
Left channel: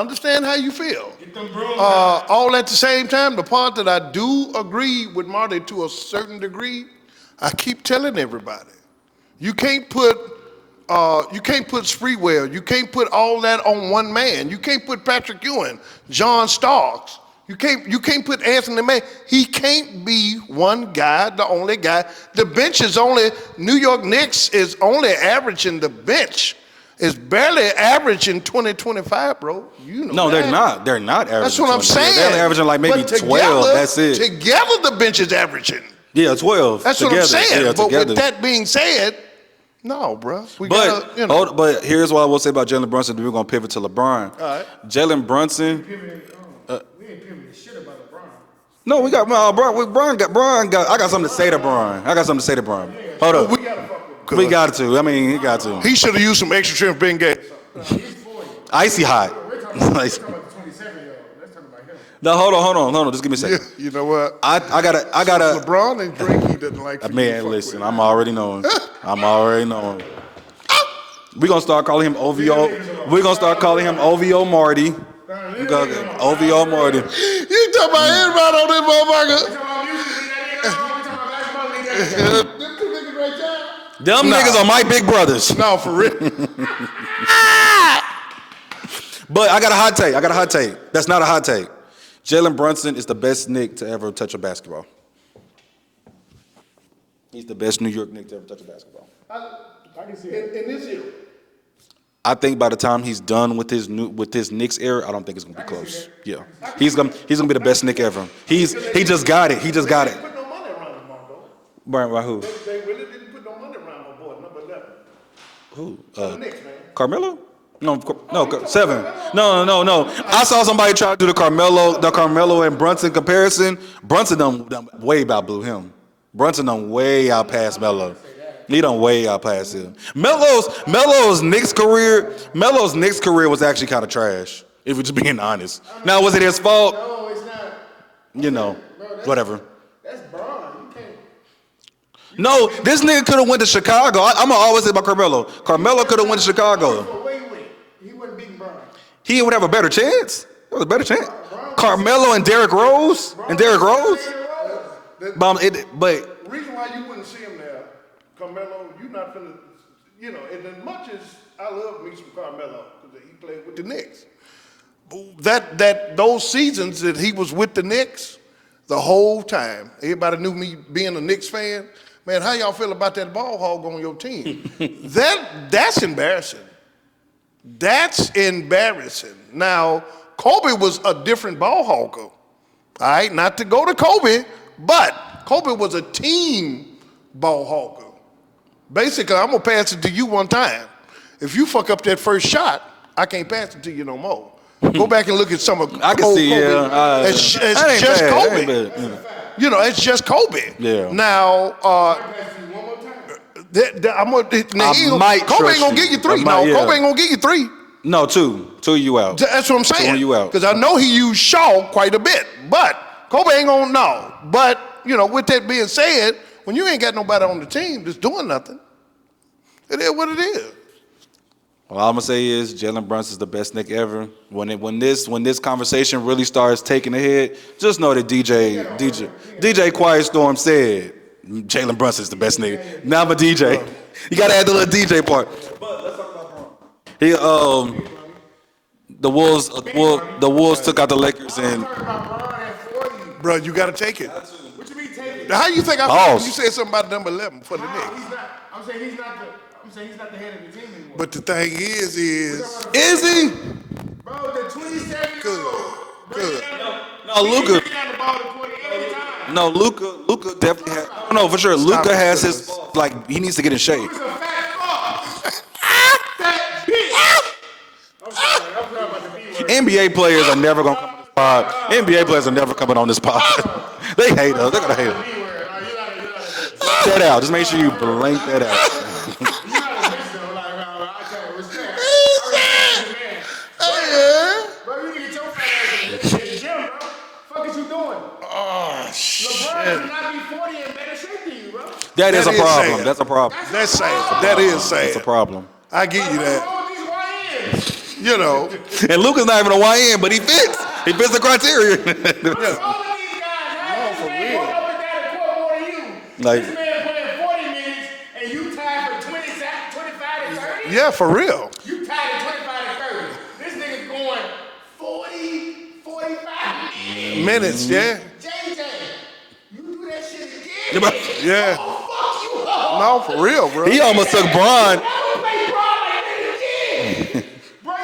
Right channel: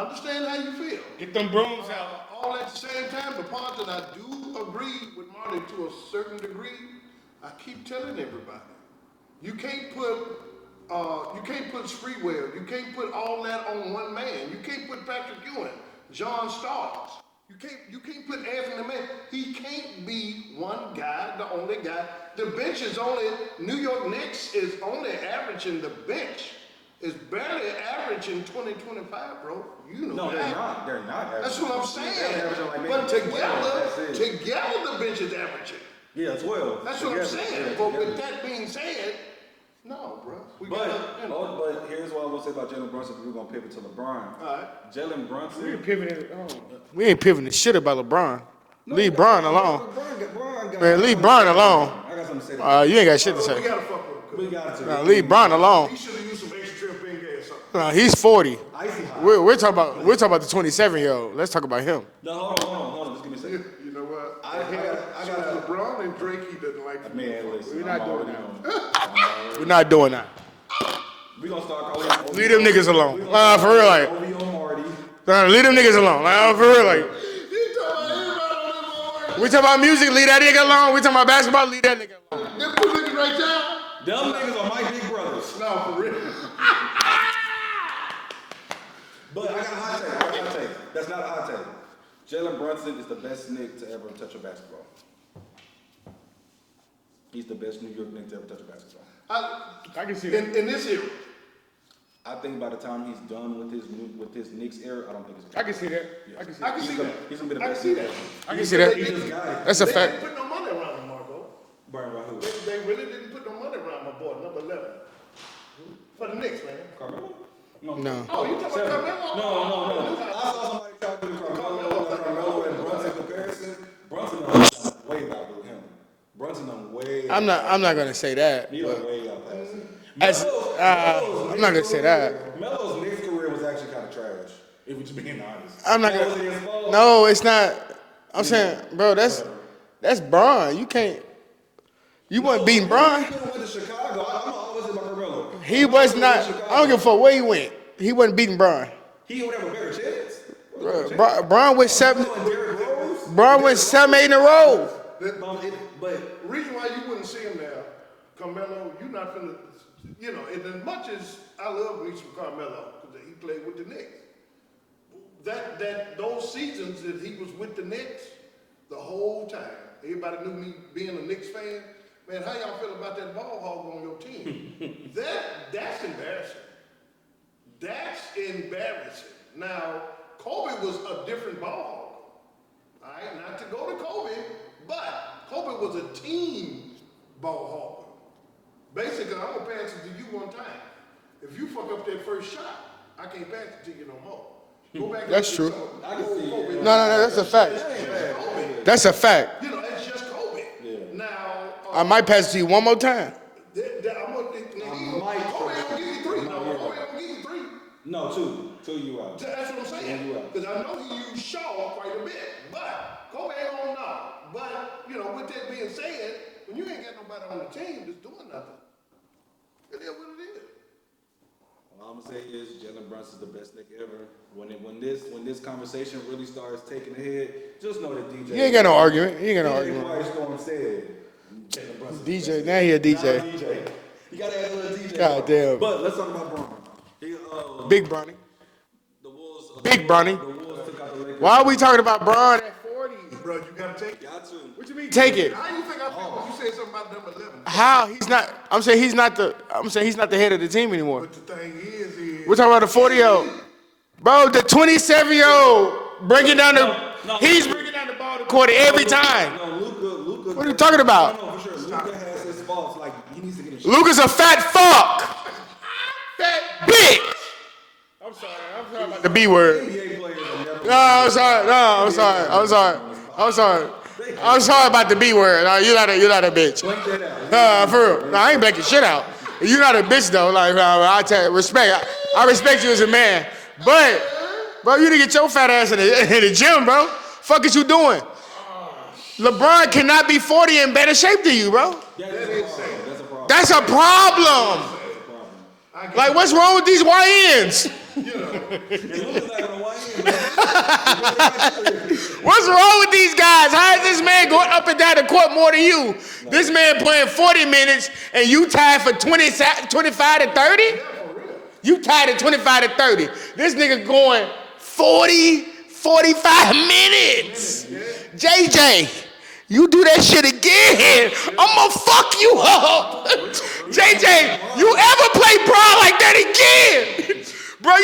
understand how you feel. Get them brooms out. All at the same time, the part that I do agree with Marty to a certain degree, I keep telling everybody, you can't put Spreewell, you can't put all that on one man. You can't put Patrick Ewing, John Starks. You can't put Anthony May. He can't be one guy, the only guy. The bench is only, New York Knicks is only averaging the bench. It's barely averaging 20-25, bro. You know No, that. they're not. They're not averaging. That's what I'm 20. saying. They're only averaging like maybe But 12. That's it. Together, the bench is averaging. Yeah, 12. That's together. what I'm saying. Yeah, But together. with that being said, no, bro. But here's what I will say about Jalen Brunson. We're gonna pivot to LeBron. All right. Jalen Brunson. We ain't pivoting shit about LeBron. No, we Leave got alone. Brian got. I got leave something to say to Bron alone. Brian. I got something to say to Brian. You ain't got shit Hold to up. say. We gotta fuck with We got to. I mean, Leave you Bron got alone. to. He should have used some extra shrimp and gas. He's 40. Icy hot. We're talking about the 27-year-old. Let's talk about him. No, hold on. Just give me a Yeah, second. you know what? I gotta. LeBron and Drake, he doesn't like. Man, listen. I'm already knowing. I'm already knowing. Not doing that. We're gonna start calling him OVO. Leave them niggas alone. We're gonna start For calling him real. OVO Marty. Nah, leave them niggas alone. OVO For real. Marty. You talking about anybody on this motherfucker? We talking about music, leave that nigga alone. We talking about basketball, leave that nigga alone. Them two niggas right there? Them niggas are my big brothers. No, for real. But I got a hot take. That's not a hot take. Jalen Brunson is the best Knick to ever touch a basketball. He's the best New York Knick to ever touch a basketball. I can see it. In this era. I think by the time he's done with his Knicks era, I don't think it's gonna be I can see close. that. Yeah, he's gonna be the best Knick ever. He just got it. He That's just a got fact. it. Put no money around him, Marco. Brian, by who? They really didn't put no money around my boy, number 11. Who? The Knicks, man. Carmelo? No, 7. No. I saw somebody try to do the Carmelo and Brunson comparison. Brunson done way outblew him. Brunson done way out past I'm not Melo. gonna say that. He done way out past him. Melo's Knicks not gonna say career. Melo's Knicks career was actually kind of trash. If we're just being honest. I'm not Now, gonna- was it his fault? No, it's not. I'm You saying, know, bro, that's whatever. That's Bron. You can't. You No, gonna beat this Bron? nigga could have went to Chicago. I'm gonna always say about Carmelo. Carmelo could have went to I don't give a Chicago. fuck where he went. He wasn't beating Bron. He would have a better chance. That was a better chance. Bron went Carmelo seven- and Derrick Rose. Bron And went Derrick 7-8 in a row. But The reason why you wouldn't see him there, Carmelo, you not finna, you know, and as much as I love me some Carmelo, because he played with the Knicks. Those seasons that he was with the Knicks, the whole time, everybody knew me being a Knicks fan. Man, how y'all feel about that ball hog on your team? That's embarrassing. That's embarrassing. Now, Kobe was a different ball hogger. All right, not to go to Kobe, but Kobe was a team ball hawker. Basically, I'm gonna pass it to you one time. If you fuck up that first shot, I can't pass it to you no more. Go back and look at some of I can old see, Kobe. yeah. It's That ain't just bad. That Kobe. ain't bad. That's a fact. You know, it's just Kobe. Yeah. Now, I might pass it to you one more time. might Kobe trust ain't gonna you. give you 3. I might, yeah. Kobe ain't gonna give you 3. No, 2. 2 you out. That's what I'm saying. You out. Because I know he used Shaw quite a bit, but Kobe ain't gonna know. But, you know, with that being said, when you ain't got nobody on the team that's doing nothing, it is what it is. All I'm gonna say is Jalen Brunson's the best Knick ever. When this conversation really starts taking a head, just know that DJ ain't got no argument. You ain't got no DJ argument. Quiet Storm said Jalen Brunson's the DJ, best now he a Knick. DJ. Now I'm a DJ. Bro. You gotta add the little DJ part. Goddamn. But let's talk about Bron. Big Bronny. The Wolves Bronny. the Wolves took out the Lakers. Why are we and- talking about Bron and 40? Bro, you gotta take it. What you mean take it? How you think I feel Pause. when you said something about number 11? for the How? Knicks? He's not. I'm saying he's not the head of the team anymore. But the thing is We're talking about the 40-year-old. Bro, the 27-year-old bringing down the. No, he's Luka. bringing down the ball to the court every time. No, Luka. What are you talking about? No, for sure. Luka has his he needs to get in shape. Luka's a fat fuck. That bitch. I'm sorry about the B word. NBA players are never going No, I'm sorry. No, I'm NBA sorry. players are I'm never sorry. coming on this pod. I'm sorry. They hate I'm us. sorry They about hate the us. B word. No, you're not a bitch. Let that out. Just make sure you for real. blank I ain't that making out. shit out. You're not a bitch though. Like, I tell you, respect. I respect you as a man. But, bro, you need to get your fat ass in the gym, bro. Fuck is you doing? LeBron cannot be 40 in better shape than you, bro. That is a is problem. sad. That's a problem. That's a That's sad. problem. That is sad. That's a problem. I get Like, you what's that. wrong with these YNs? You know, And Luka's not even a YN, but he fits. He fits the criteria. What's wrong with these guys? How is this man going up and down the court more than you? Like- This man playing 40 minutes and you tied for 25 to 30? yeah, for real. You tied at 25 to 30. This nigga going 40, 45 minutes. Minutes, yeah. JJ, you do that shit again, Yeah. I'm gonna fuck you up. No, for real, bro. He almost took Bron. You ever play Bron like that again? Bro,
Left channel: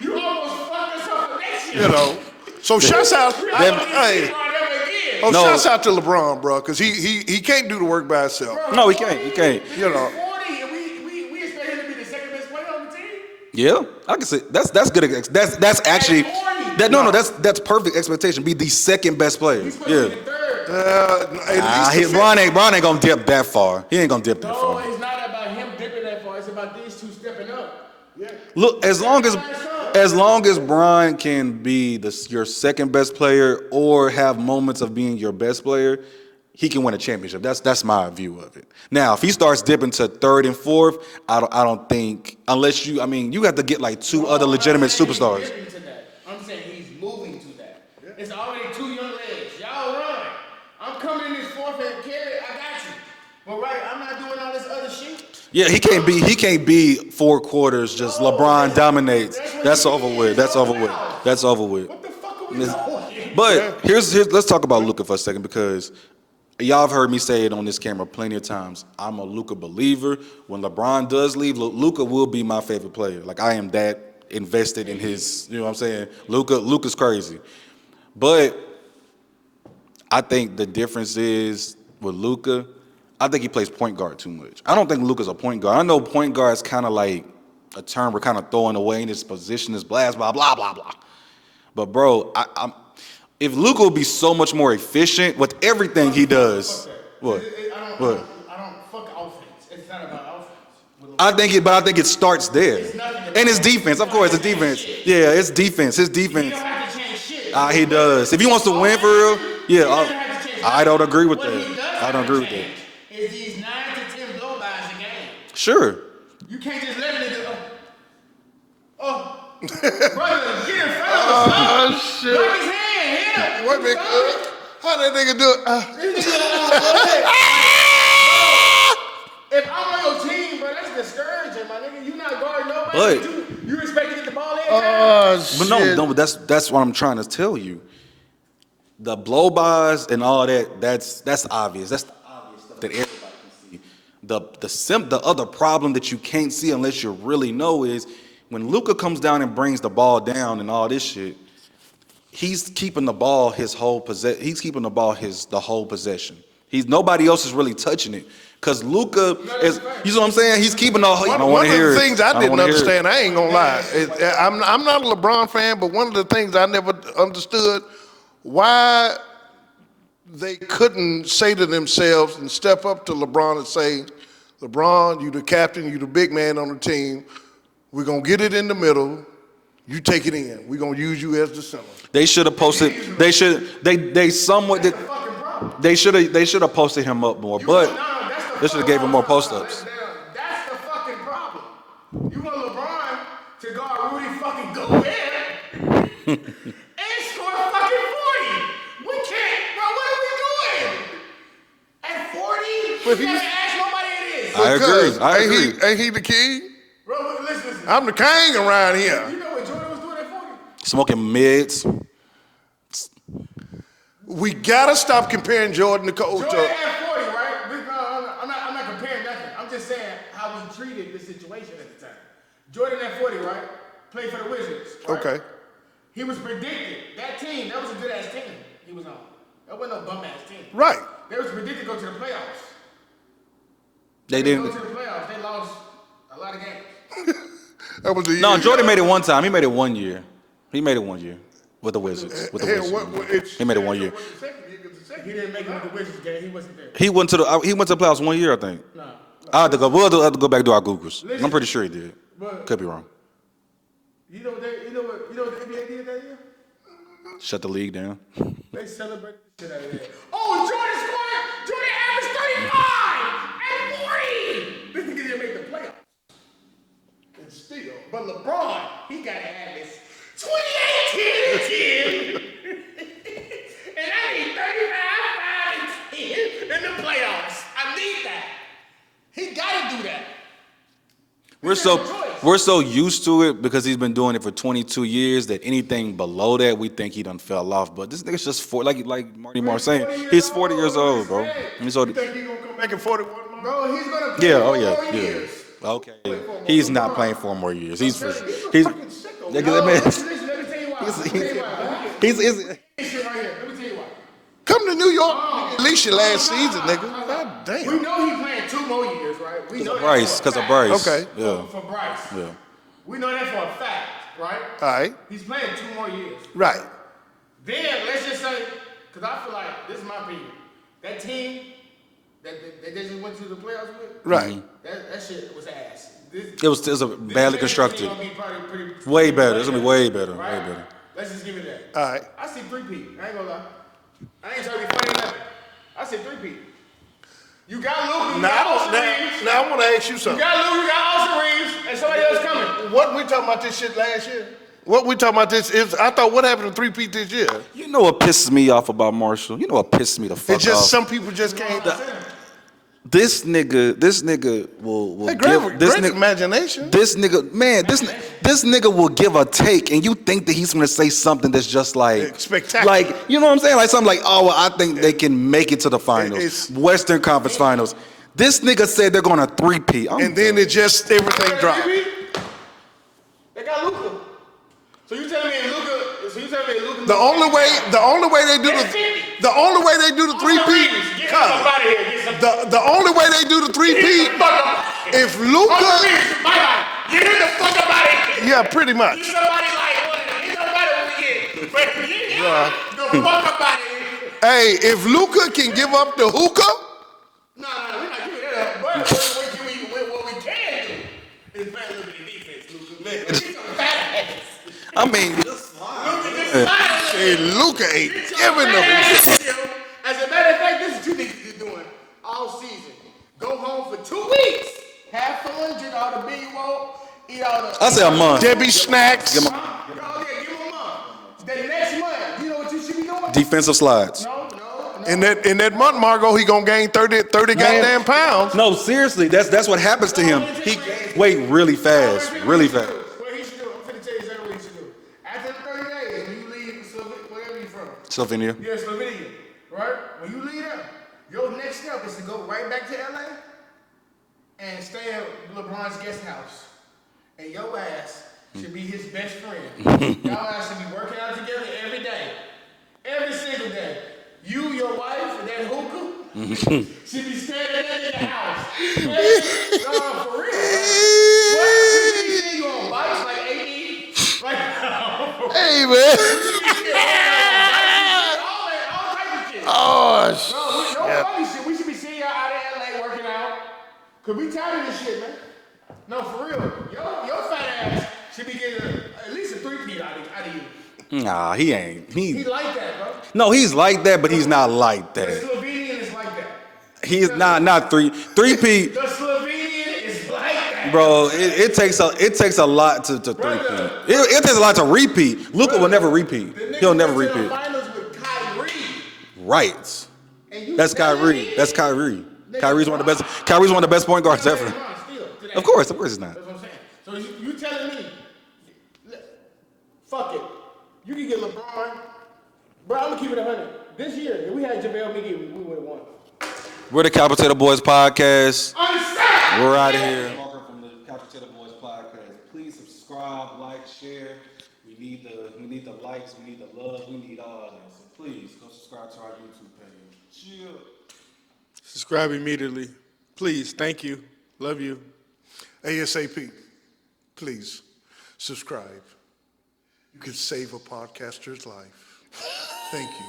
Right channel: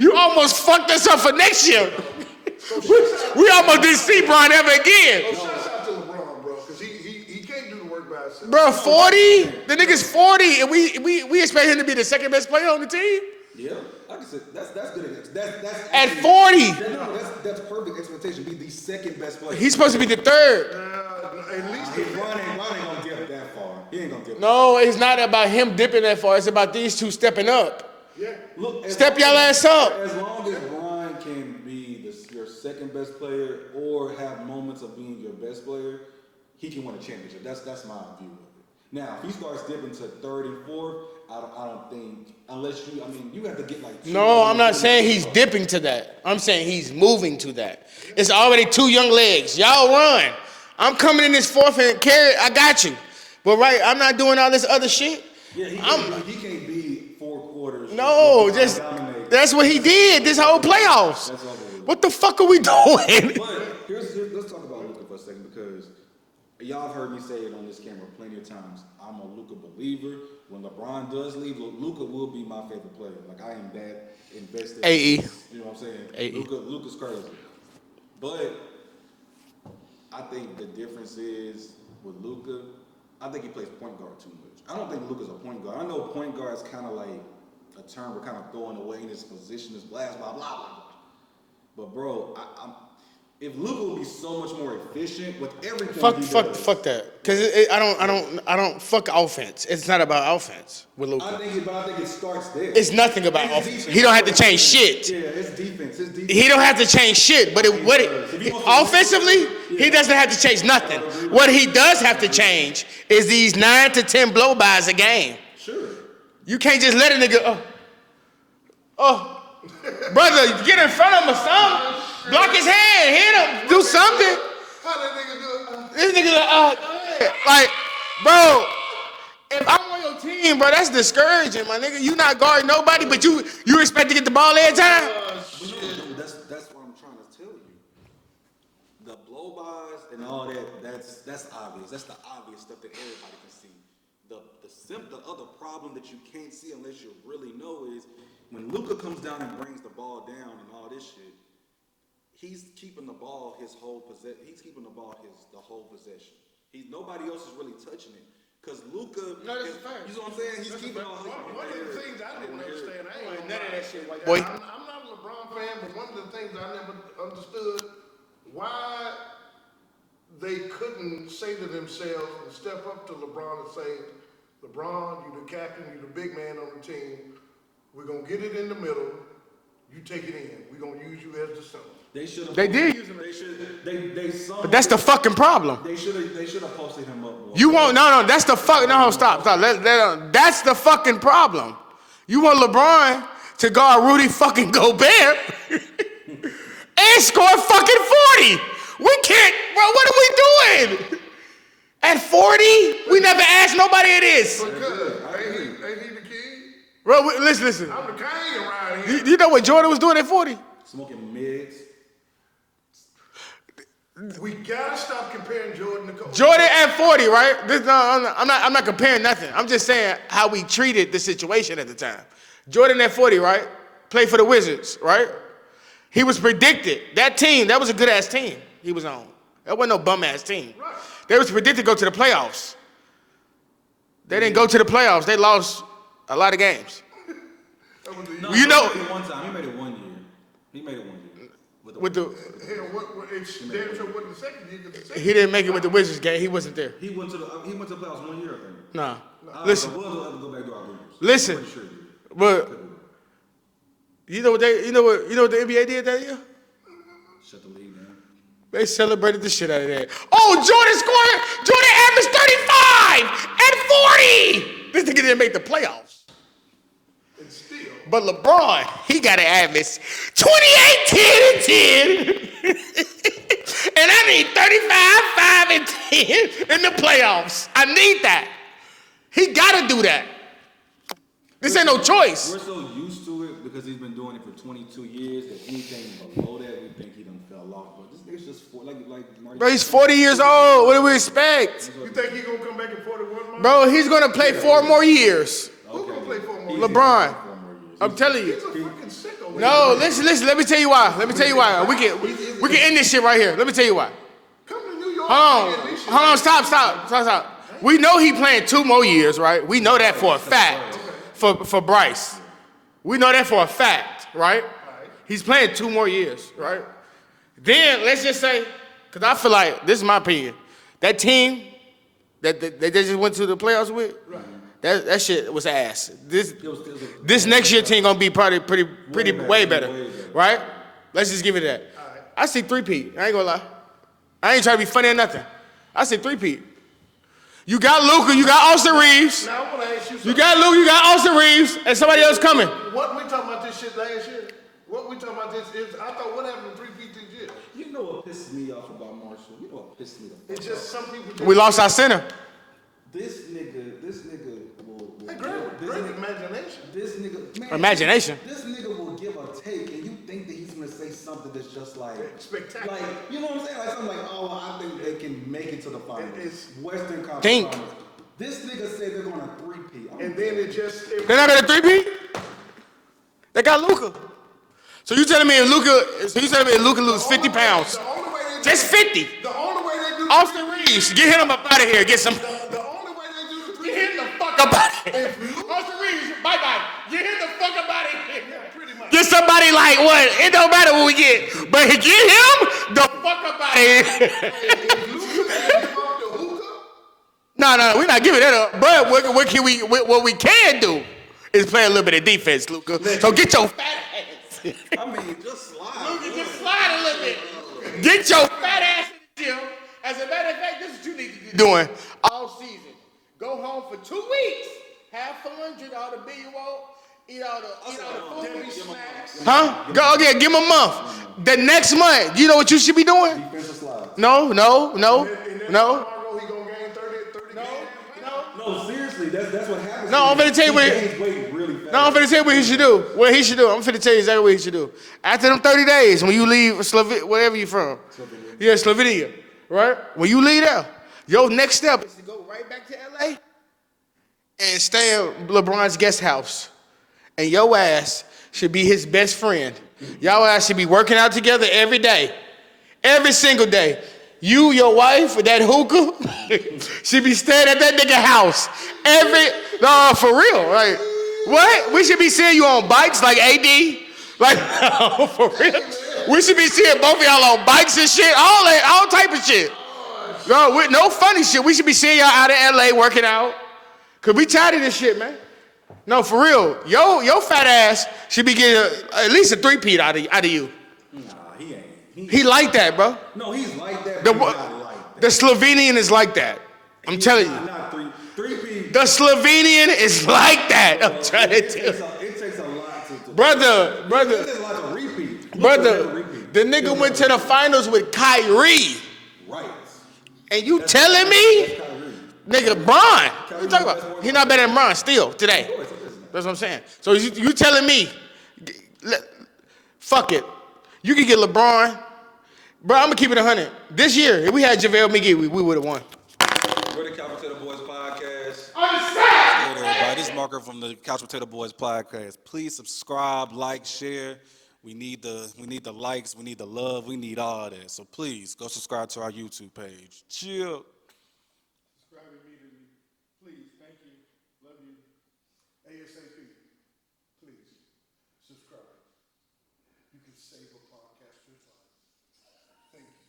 you almost fucked us up for next year. You know. So shouts out. We almost didn't see Bron ever again. Oh, No. shouts out to LeBron, bro, because he can't do the work by himself. Bro, No, he 40? can't. The nigga's 40, and we expect him to be the second best player on the team? Yeah, I can say that's good. That's actually 40? That's perfect expectation. Be the second best player. He's supposed to be the third. At least the Bron ain't gonna dip that far. He ain't gonna dip. No, it's not about him dipping that far. It's about these two stepping up. Look, Step your ass up. as long as Bron can be your second best player or have moments of being your best player, he can win a championship. That's my view of it. Now, if he starts dipping to third and fourth, I don't think unless you have to get like two other legitimate I'm not saying superstars. he's dipping to that. I'm saying he's moving to that. It's already two young legs. Y'all run. I'm coming in this fourth and carry. I got you. But I'm not doing all this other shit. Yeah, he can't be 4 quarters just No, LeBron dominate. That's what he did this whole playoffs. That's over with. What the fuck are we doing? But here's let's talk about Luka for a second because y'all have heard me say it on this camera plenty of times. I'm a Luka believer. When LeBron does leave, Luka will be my favorite player. Like I am that invested in his. You know what I'm saying? Luka's crazy. But I think the difference is with Luka, I think he plays point guard too much. I don't think Luka's a point guard. I know point guard is kind of like a term we're kind of throwing away in his position, his blast, blah, blah, blah, blah. But, bro, if Luka would be so much more efficient with everything he does. Fuck that. Because I don't fuck offense. It's not about offense with Luka. I think it starts there. It's nothing about and his offense. defense. He don't Of have course, to change defense. shit. Yeah, it's defense. His defense. He don't have to change shit. But he does. If he wants to win for offensively, real, he doesn't have to change nothing. I don't agree with what you. he does I have don't to agree with change is these 9 to 10 blow-bys a game. Sure. You can't just let a nigga, brother, get in front of him. shit. Block his hand, hit him, do something. How that nigga do it? This nigga like, bro, if I'm on your team, bro, that's discouraging, my nigga. You not guarding nobody, But- but you expect to get the ball every time? But no, that's what I'm trying to tell you. The blow-bys and all that's obvious. That's the obvious stuff that everybody can see. The other problem that you can't see unless you really know is when Luka comes down and brings the ball down and all this shit, he's keeping the ball the whole possession. Nobody else is really touching it. Cause Luka is, you know what I'm saying? He's keeping all. I don't want to hear One of the it. things I don't didn't wanna hear it. understand, I ain't gonna lie. I'm not a LeBron fan, but one of the things I never understood why they couldn't say to themselves and step up to LeBron and say, LeBron, you the captain, you the big man on the team. We're gonna get it in the middle. You take it in. We're gonna use you as the center. They should have posted. That's the fucking problem. They should have posted him up more. That's the fucking, stop. That's the fucking problem. You want LeBron to guard Rudy fucking Gobert and score fucking 40. We can't, bro, what are we doing? At 40, we never asked nobody it is. I agree. Ain't he the king? Bro, listen. I'm the king around here. You know what Jordan was doing at 40? Smoking mids. We gotta stop comparing Jordan to Kobe. Jordan at 40, right? I'm not comparing nothing. I'm just saying how we treated the situation at the time. Jordan at 40, right? Played for the Wizards, right? Okay. He was predicted. That team, that was a good-ass team he was on. That wasn't no bum-ass team. Right. They was predicted to go to the playoffs. They didn't go to the playoffs. They lost a lot of games. That was the No, year. Jordan made it one time. He made it 1 year. He made it 1 year with the Wizards. He made it 1 year. He didn't make it with the Wizards game. He wasn't there. He went to the playoffs 1 year, I think. No. We'll have to go back to our Googles. Listen. I'm pretty sure he did. But Could be wrong. you know what the NBA did that year? Shut the league down. They celebrated the shit out of that. Oh, Jordan averaged 35 and 40. This nigga didn't make the playoffs. But LeBron, he got to average 28, 10, and 10. And I need 35, 5, and 10 in the playoffs. I need that. He got to do that. This ain't no choice. We're so used to it because he's been doing it for 22 years that anything below that, we think he done fell off. But this nigga's just like Marty Bro, he's saying, 40 years old. What do we bro. expect? You think he's gonna come back at 41? Bro, he's gonna play 4 more years. Okay. He's LeBron. not playing 4 more years. I'm telling you. He's, No, listen. Let me tell you why. We can end this shit right here. Let me tell you why. Come to New York. At least your last season, nigga. Stop. Damn. We know he playing 2 more years, right? We know that Bryce, for a fact. Bryce. Okay. For Bryce. Yeah. We know that for a fact, right? All right. He's playing 2 more years. Right. Then let's just say, because I feel like, this is my opinion, that team that they just went to the playoffs with, Right. that shit was ass. This It was next year constructed. team gonna be probably pretty Way better. way It's better. way better. Right? Way better. Let's just give it that. All right. I see 3-peat. I ain't gonna lie. I ain't trying to be funny or nothing. I see 3-peat. You got Luka, you got Austin Reeves. Now I want to ask you You something. got Luka, you got Austin Reeves, and somebody else coming. What we talking about this shit last year? What we talking about this is, I thought what happened to 3P this year? You know what pisses me off about Marshall? You know what pisses me the fuck It's just off? some people just. We lost can't- our center. This nigga will Hey, give this great nigga imagination. this nigga man Imagination. this nigga will give a take and you think that he's gonna say something that's just like Spectacular. like you know what I'm saying, like something like, oh well, I think they can make it to the finals, It's- Western Conference Think. Finals. This nigga said they're gonna 3-peat. And then it just They're not everything gonna dropped. 3-peat? They got Luka. So you telling me if Luka The loses 50 only way, pounds? the only way they do It's the 50. The only way they do the Austin 3P. Reeves, get him up out of here. Get some. The only way they do the 3P. Fuck up out of here. If Luka, Austin Reeves, bye-bye. Get him the fuck up out of here. yeah, pretty much. Get somebody like what? It don't matter what we get, but get him the fuck up out of here. Hey, if Luka can give up the hookah, No, we're not giving that up. But what we can do is play a little bit of defense, Luka. So get your fat ass. I mean, hey, Luka ain't Get your giving fat them. ass. As a matter of fact, this is what you niggas doing all season. Go home for 2 weeks, have fun, drink all the beer you want, eat all the. I say a month. Debbie snacks. Huh? Go again, give him a month. The next month, you know what you should be doing? Defensive slides. No. In that month, Margot, he gonna gain 30 goddamn pounds. No, seriously, that's what happens to No, him. I'm gonna tell you He what- gains weight really fast. No, I'm finna tell you what really he should fast. do. What he should do. I'm finna tell you exactly what he should do. After them 30 days, when you leave wherever you from. Slovenia. Yeah, Slovenia, right? When you leave there, your next step is to go right back to LA and stay at LeBron's guest house. And your ass should be his best friend. Y'all ass should be working out together every day. Every single day. You, your wife, with that hookah, should be staying at that nigga house. No, for real, right? What? We should be seeing you on bikes like AD. Like, for real. Hey, man. We should be seeing both of y'all on bikes and shit, all type of shit. Oh, shit. No, with no funny shit. We should be seeing y'all out in LA working out. Cause we tired of this shit, man. No, for real. Your fat ass should be getting at least a 3-peat out of you. Nah, he ain't. He like that, bro. No, he's like that, but The he's what? not like The that. Slovenian is like that. I'm He's telling you. not 3P. The Slovenian is like that. Bro, I'm telling you. it takes a lot to Brother, it takes a lot to repeat. Luka will Brother, never repeat. The He'll nigga never went to the repeat. finals with Kyrie. Right. And you That's telling Kyrie. me? That's Kyrie. Nigga, Kyrie's Bron. Kyrie's one of the best point You're guards not better ever. than Bron still today. Of course it's not. That's what I'm saying. So you telling me, fuck it. You can get LeBron. Bro, I'm going to keep it 100. This year, if we had JaVale McGee, we would have won. We're the Couch Potato Boys podcast. Understand? We're out of here. This is Marker from the Couch Potato Boys podcast. Please subscribe, like, share. We need the likes, we need the love, we need all that. So please go subscribe to our YouTube page. Chill. Subscribe immediately. Please. Thank you. Love you. ASAP, please subscribe. You can save a podcaster's life. Thank you.